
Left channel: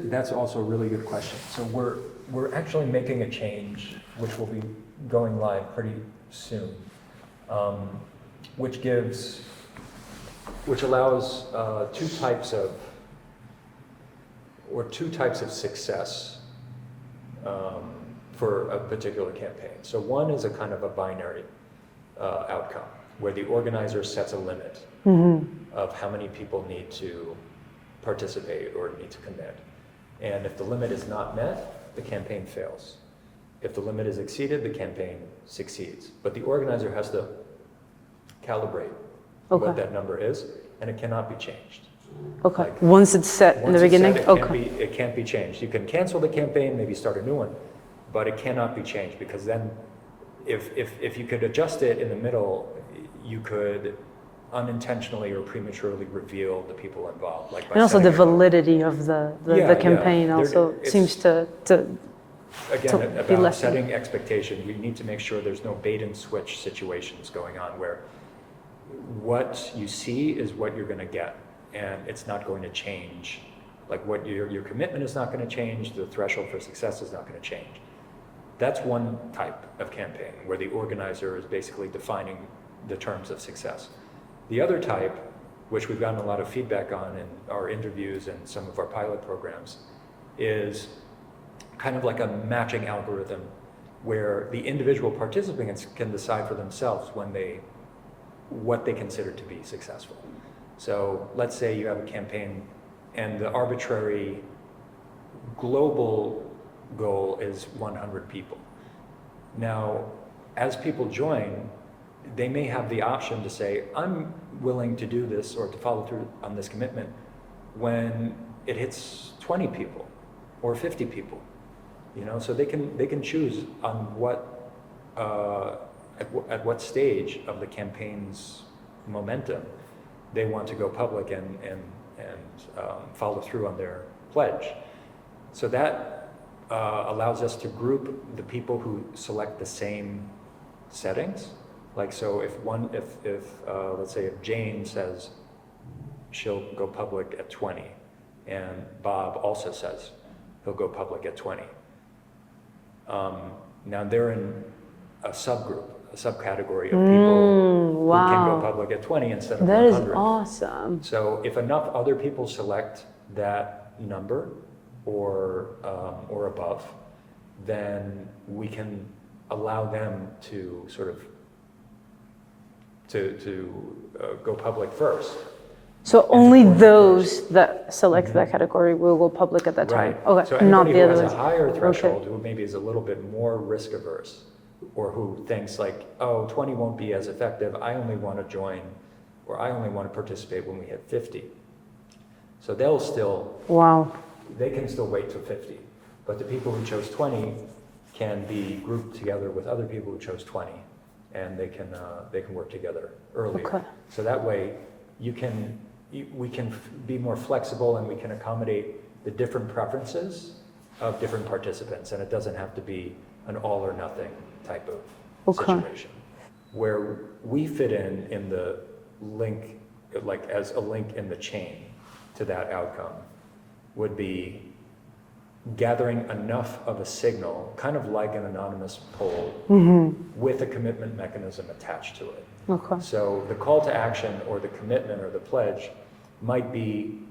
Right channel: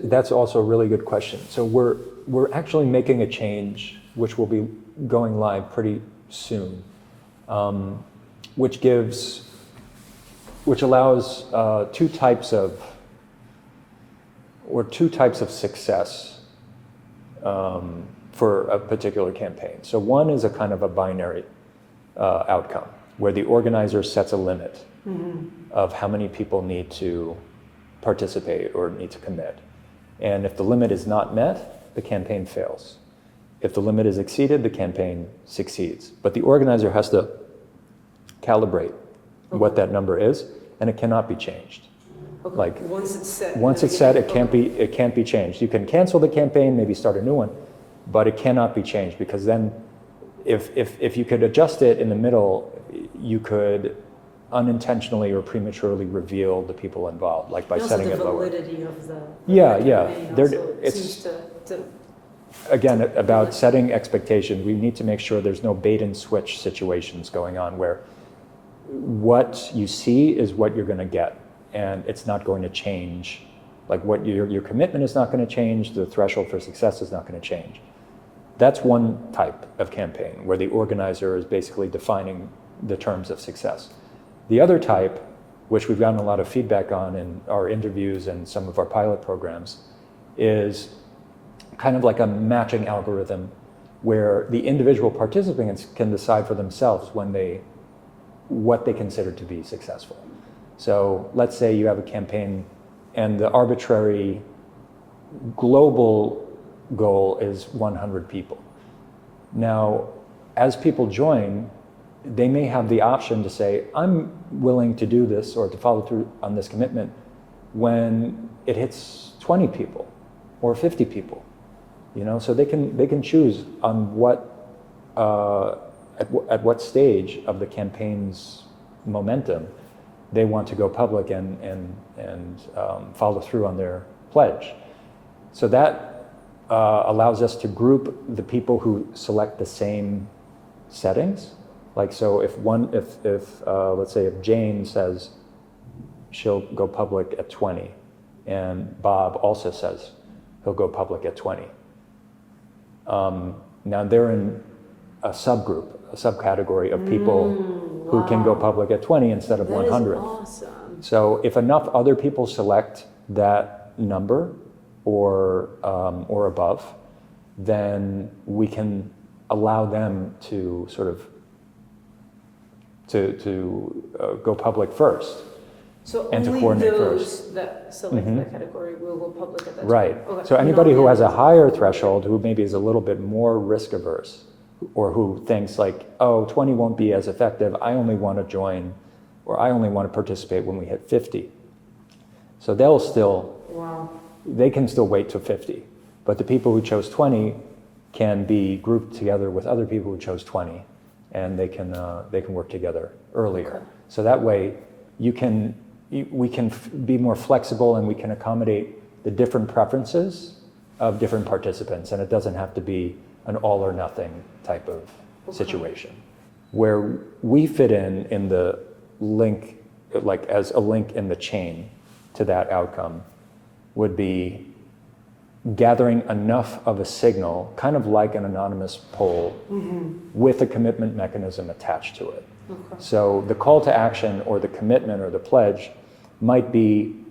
That's also a really good question. So we're actually making a change, which will be going live pretty soon, which allows two types of success for a particular campaign. So one is a kind of a binary outcome, where the organizer sets a limit of how many people need to participate or need to commit. And if the limit is not met, the campaign fails. If the limit is exceeded, the campaign succeeds. But the organizer has to calibrate what that number is, and it cannot be changed. Okay. Like, once it's set in the once it's beginning? set, it can't be changed. You can cancel the campaign, maybe start a new one, but it cannot be changed, because then if you could adjust it in the middle, you could unintentionally or prematurely reveal the people involved, like by And also the setting it lower. validity of the Yeah, campaign yeah. also It's- seems to Again, to be about less- setting expectation, we need to make sure there's no bait and switch situations going on where what you see is what you're going to get, and it's not going to change. Like, what your commitment is not going to change, the threshold for success is not going to change. That's one type of campaign where the organizer is basically defining the terms of success. The other type, which we've gotten a lot of feedback on in our interviews and some of our pilot programs, is kind of like a matching algorithm where the individual participants can decide for themselves what they consider to be successful. So let's say you have a campaign and the arbitrary global goal is 100 people. Now, as people join, they may have the option to say, I'm willing to do this or to follow through on this commitment when it hits 20 people or 50 people. So they can choose on at what stage of the campaign's momentum they want to go public and follow through on their pledge. So that allows us to group the people who select the same settings. Like, so if let's say if Jane says she'll go public at 20, and Bob also says he'll go public at 20. Now they're in a subcategory of people who can go public at 20 instead of 100. That is awesome. So if enough other people select that number or above, then we can allow them to sort of to go public first. So and to only coordinate those first. that select that category will go public at that time? Right. Okay. So not anybody the who has a others. higher threshold, who maybe is a little bit more risk averse, or who thinks like, oh, 20 won't be as effective, I only want to join, or I only want to participate when we hit 50. So they can still wait till 50. But the people who chose 20 can be grouped together with other people who chose 20, and they can work together earlier. Okay. So that way we can be more flexible, and we can accommodate the different preferences of different participants, and it doesn't have to be an all or nothing type of situation. Where we fit in the link, like as a link in the chain to that outcome, would be gathering enough of a signal, kind of like an anonymous poll, with a commitment mechanism attached to it. Okay. So the call to action or the commitment or the pledge might be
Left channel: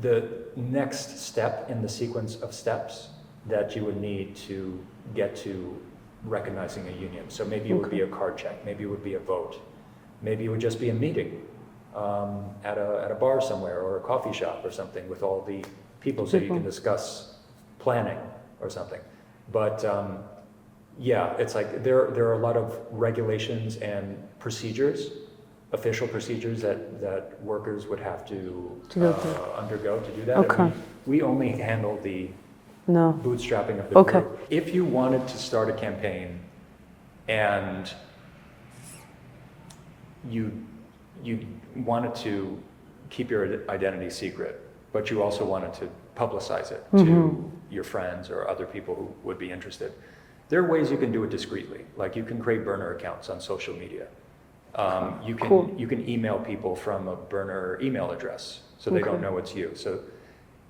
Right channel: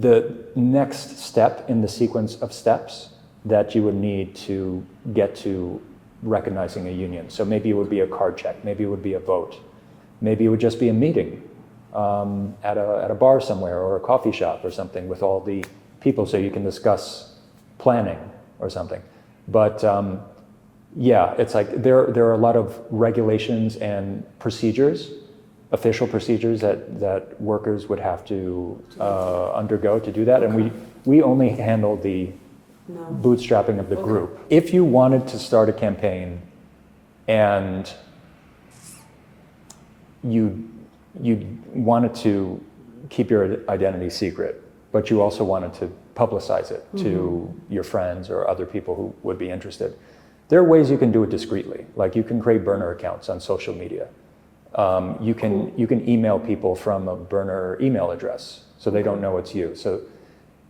the next step in the sequence of steps that you would need to get to recognizing a union. So maybe it would be a card check, maybe it would be a vote, maybe it would just be a meeting at a bar somewhere or a coffee shop or something with all the people, so you can discuss planning or something. But yeah, it's like there are a lot of regulations and procedures, official procedures that workers would have to undergo to do that. Okay. And we only handle the No. bootstrapping of the Okay. group. If you wanted to start a campaign and you wanted to keep your identity secret, but you also wanted to publicize it to your friends or other people who would be interested, there are ways you can do it discreetly. Like you can create burner accounts on social media. You can email people from a burner email address so they don't know it's you. So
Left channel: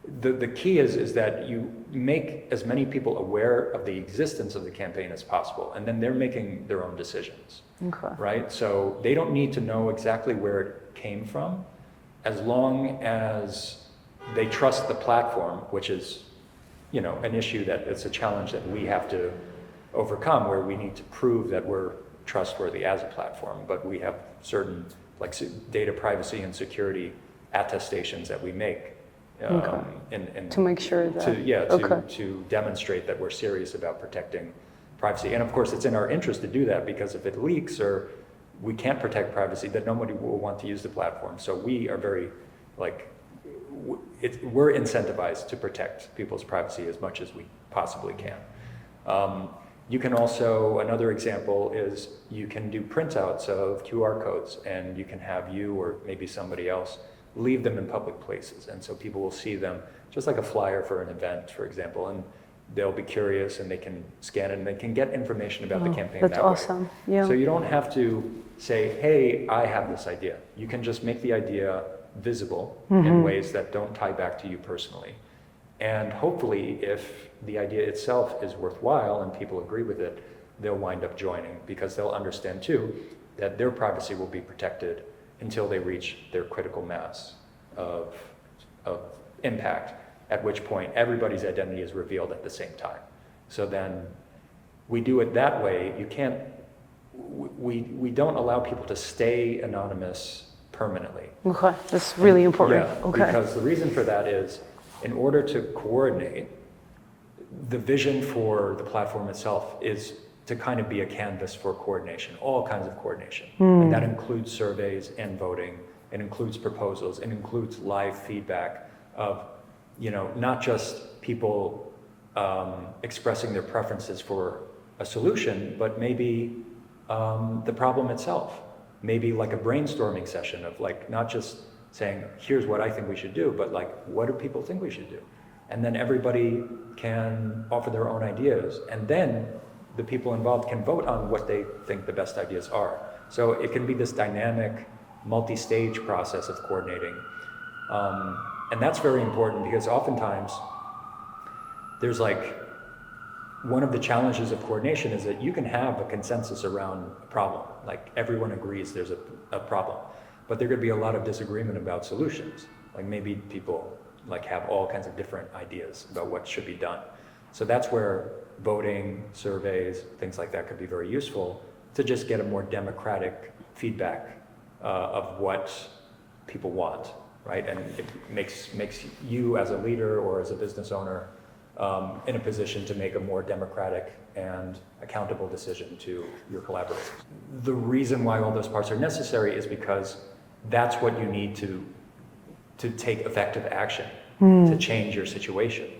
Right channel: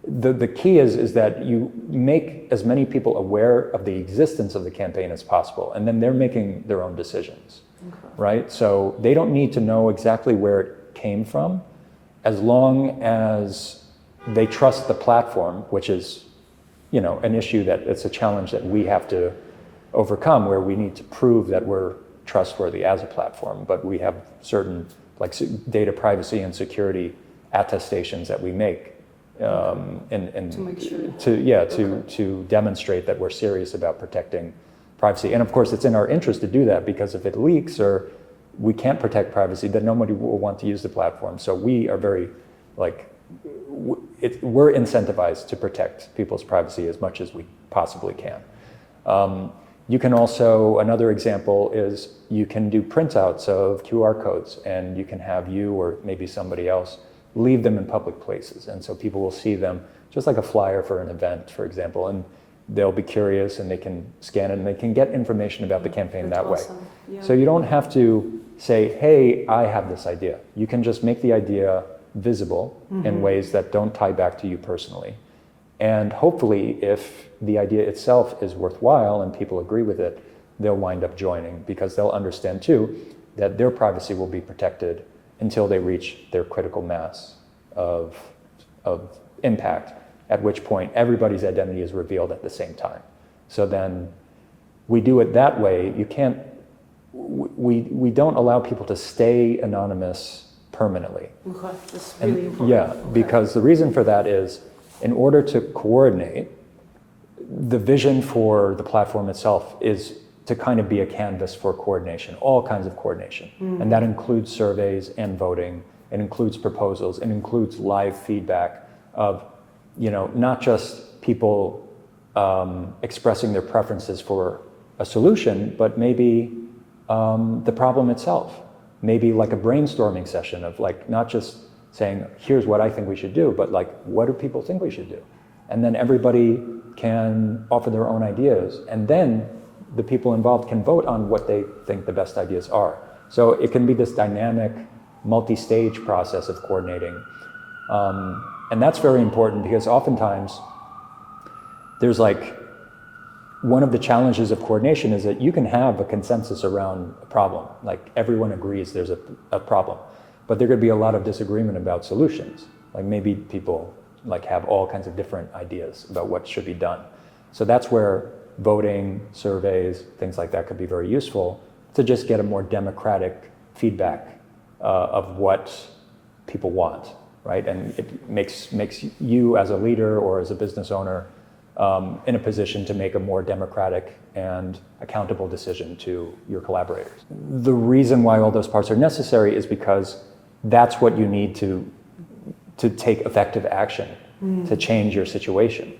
the key is that you make as many people aware of the existence of the campaign as possible, and then they're making their own decisions. Okay. Right? So they don't need to know exactly where it came from, as long as they trust the platform, which is, an issue that it's a challenge that we have to overcome, where we need to prove that we're trustworthy as a platform, but we have certain data privacy and security attestations that we make and To make sure that. to demonstrate that we're serious about protecting privacy. And of course, it's in our interest to do that, because if it leaks or we can't protect privacy, then nobody will want to use the platform. So we are very, we're incentivized to protect people's privacy as much as we possibly can. You can also, another example is you can do printouts of QR codes, and you can have you or maybe somebody else leave them in public places. And so people will see them just like a flyer for an event, for example, and they'll be curious and they can scan it and they can get information about the campaign That's that way. awesome. Yeah. So you don't have to say, hey, I have this idea. You can just make the idea visible in ways that don't tie back to you personally. And hopefully, if the idea itself is worthwhile and people agree with it, they'll wind up joining, because they'll understand too that their privacy will be protected until they reach their critical mass of impact, at which point everybody's identity is revealed at the same time. So then we do it that way. We don't allow people to stay anonymous permanently. Okay, that's really important. Yeah, Okay. because the reason for that is, in order to coordinate, the vision for the platform itself is to kind of be a canvas for coordination, all kinds of coordination. And that includes surveys and voting, it includes proposals, it includes live feedback of, not just people expressing their preferences for a solution, but maybe the problem itself. Maybe like a brainstorming session of not just saying, here's what I think we should do, but what do people think we should do? And then everybody can offer their own ideas, and then the people involved can vote on what they think the best ideas are. So it can be this dynamic, multi-stage process of coordinating. And that's very important, because oftentimes there's one of the challenges of coordination is that you can have a consensus around a problem. Everyone agrees there's a problem, but there could be a lot of disagreement about solutions. Maybe people have all kinds of different ideas about what should be done. So that's where voting, surveys, things like that could be very useful, to just get a more democratic feedback of what people want, right? And it makes you as a leader or as a business owner in a position to make a more democratic and accountable decision to your collaborators. The reason why all those parts are necessary is because that's what you need to take effective action to change your situation,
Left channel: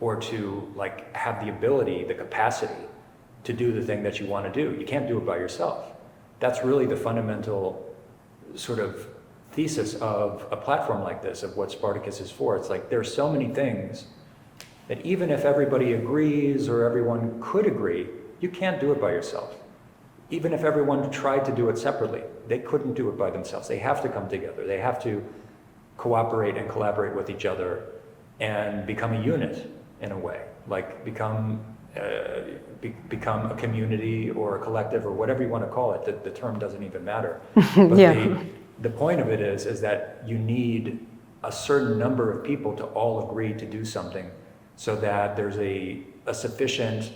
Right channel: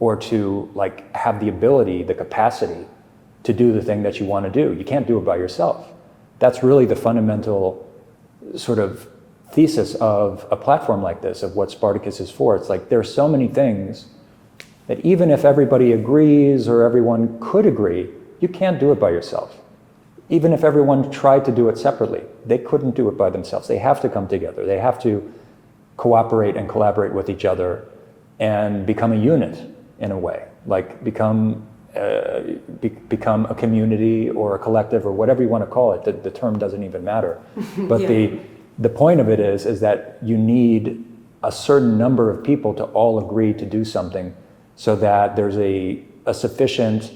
or to have the ability, the capacity to do the thing that you want to do. You can't do it by yourself. That's really the fundamental sort of thesis of a platform like this, of what Spartacus is for. It's there's so many things that even if everybody agrees or everyone could agree, you can't do it by yourself. Even if everyone tried to do it separately, they couldn't do it by themselves. They have to come together. They have to cooperate and collaborate with each other and become a unit in a way, become a community or a collective or whatever you want to call it. The term doesn't even matter. But the point of it is that you need a certain number of people to all agree to do something, so that there's a sufficient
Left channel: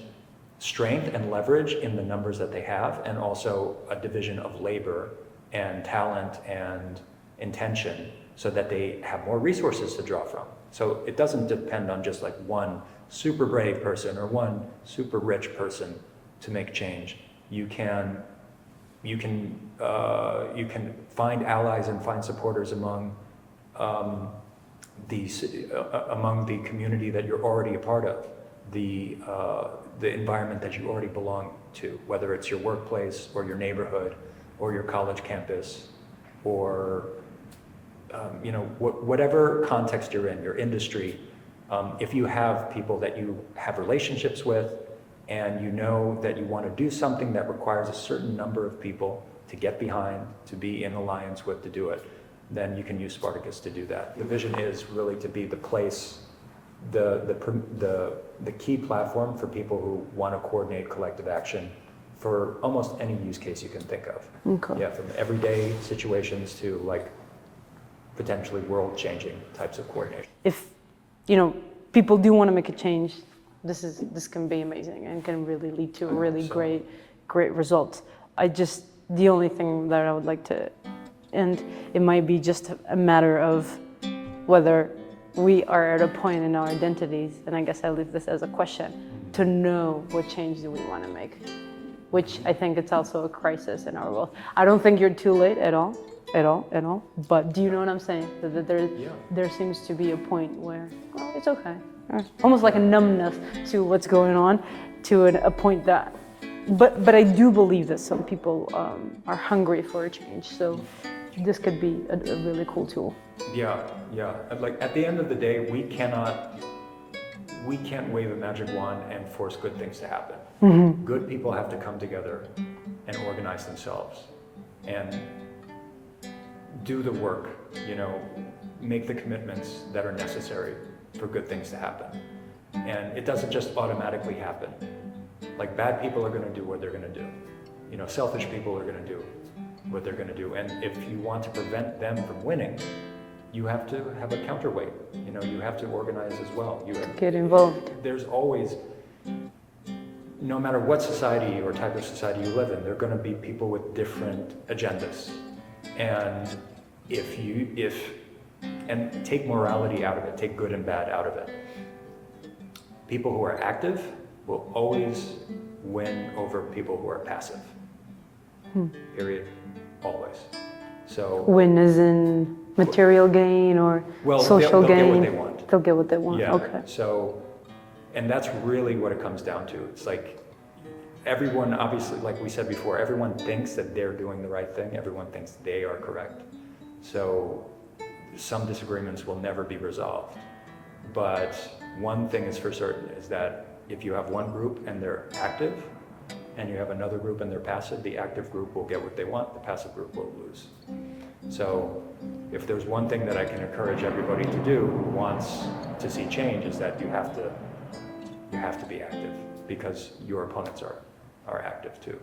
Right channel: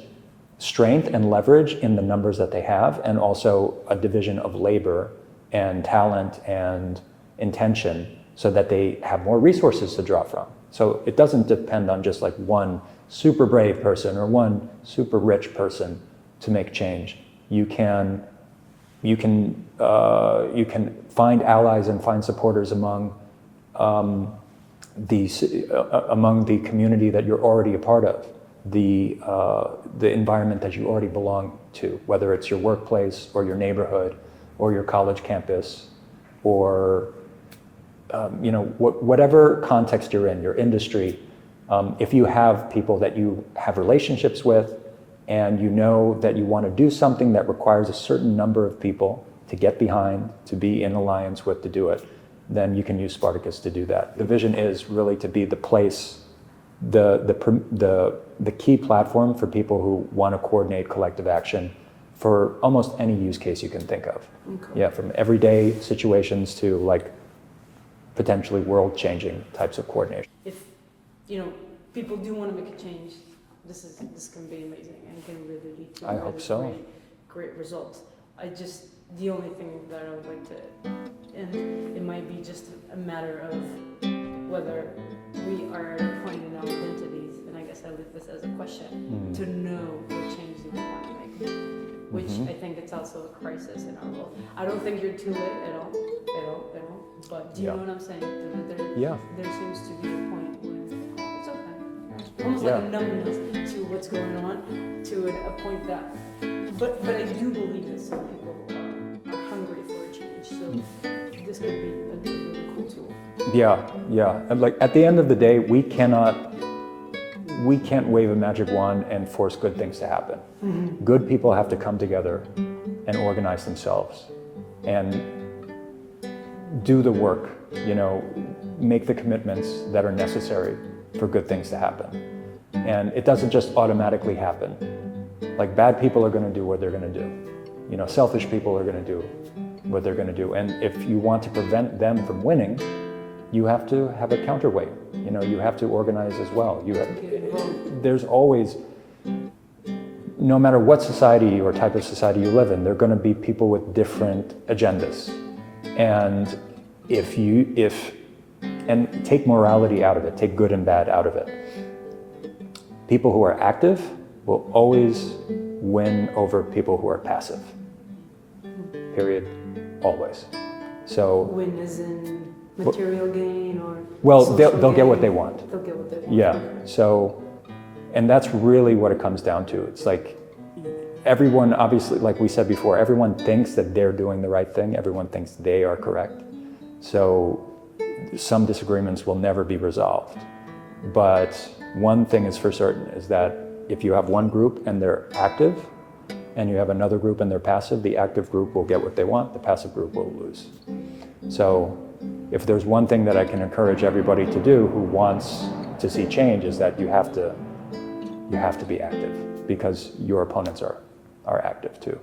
strength and leverage in the numbers that they have, and also a division of labor and talent and intention, so that they have more resources to draw from. So it doesn't depend on just one super brave person or one super rich person to make change. You can find allies and find supporters among the community that you're already a part of. the environment that you already belong to, whether it's your workplace or your neighborhood or your college campus or whatever context you're in, your industry. If you have people that you have relationships with and you know that you want to do something that requires a certain number of people to get behind, to be in alliance with, to do it, then you can use Spartacus to do that. The vision is really to be the place, the key platform for people who want to coordinate collective action for almost any use case you can think of. Okay. Yeah, from everyday situations to like potentially world-changing types of coordination. If people do want to make a change, this can be amazing and can really lead to I hope really so. great results. The only thing that I would like to, and it might be just a matter of whether we are at a point in our identities, and I guess I leave this as a question, to know what change do we want to make, which I think it's also a crisis in our world. I don't think you're too late at all, but do you know what I'm saying? That there seems to be a point where it's okay. There's almost like a numbness to what's going on, to a point that, but I do believe that some people are hungry for a change, so this could be a really cool tool. Yeah. And like at the end of the day, we can't wave a magic wand and force good things to happen. Good people have to come together and organize themselves and do the work, make the commitments that are necessary for good things to happen. And it doesn't just automatically happen. Like bad people are going to do what they're going to do. Selfish people are going to do what they're going to do. And if you want to prevent them from winning, you have to have a counterweight. You have to organize as well. You have to get involved. There's always, no matter what society or type of society you live in, there are going to be people with different agendas. And and take morality out of it, take good and bad out of it. People who are active will always win over people who are passive. Period. Always. So win as in material gain or social gain? They'll get what they want. They'll get what they want. Yeah. Okay. So, and that's really what it comes down to. It's like everyone, obviously, like we said before, everyone thinks that they're doing the right thing. Everyone thinks they are correct. So some disagreements will never be resolved. But one thing is for certain is that if you have one group and they're active, and you have another group and they're passive, the active group will get what they want, the passive group will lose. So if there's one thing that I can encourage everybody to do who wants to see change is that you have to be active because your opponents are active too.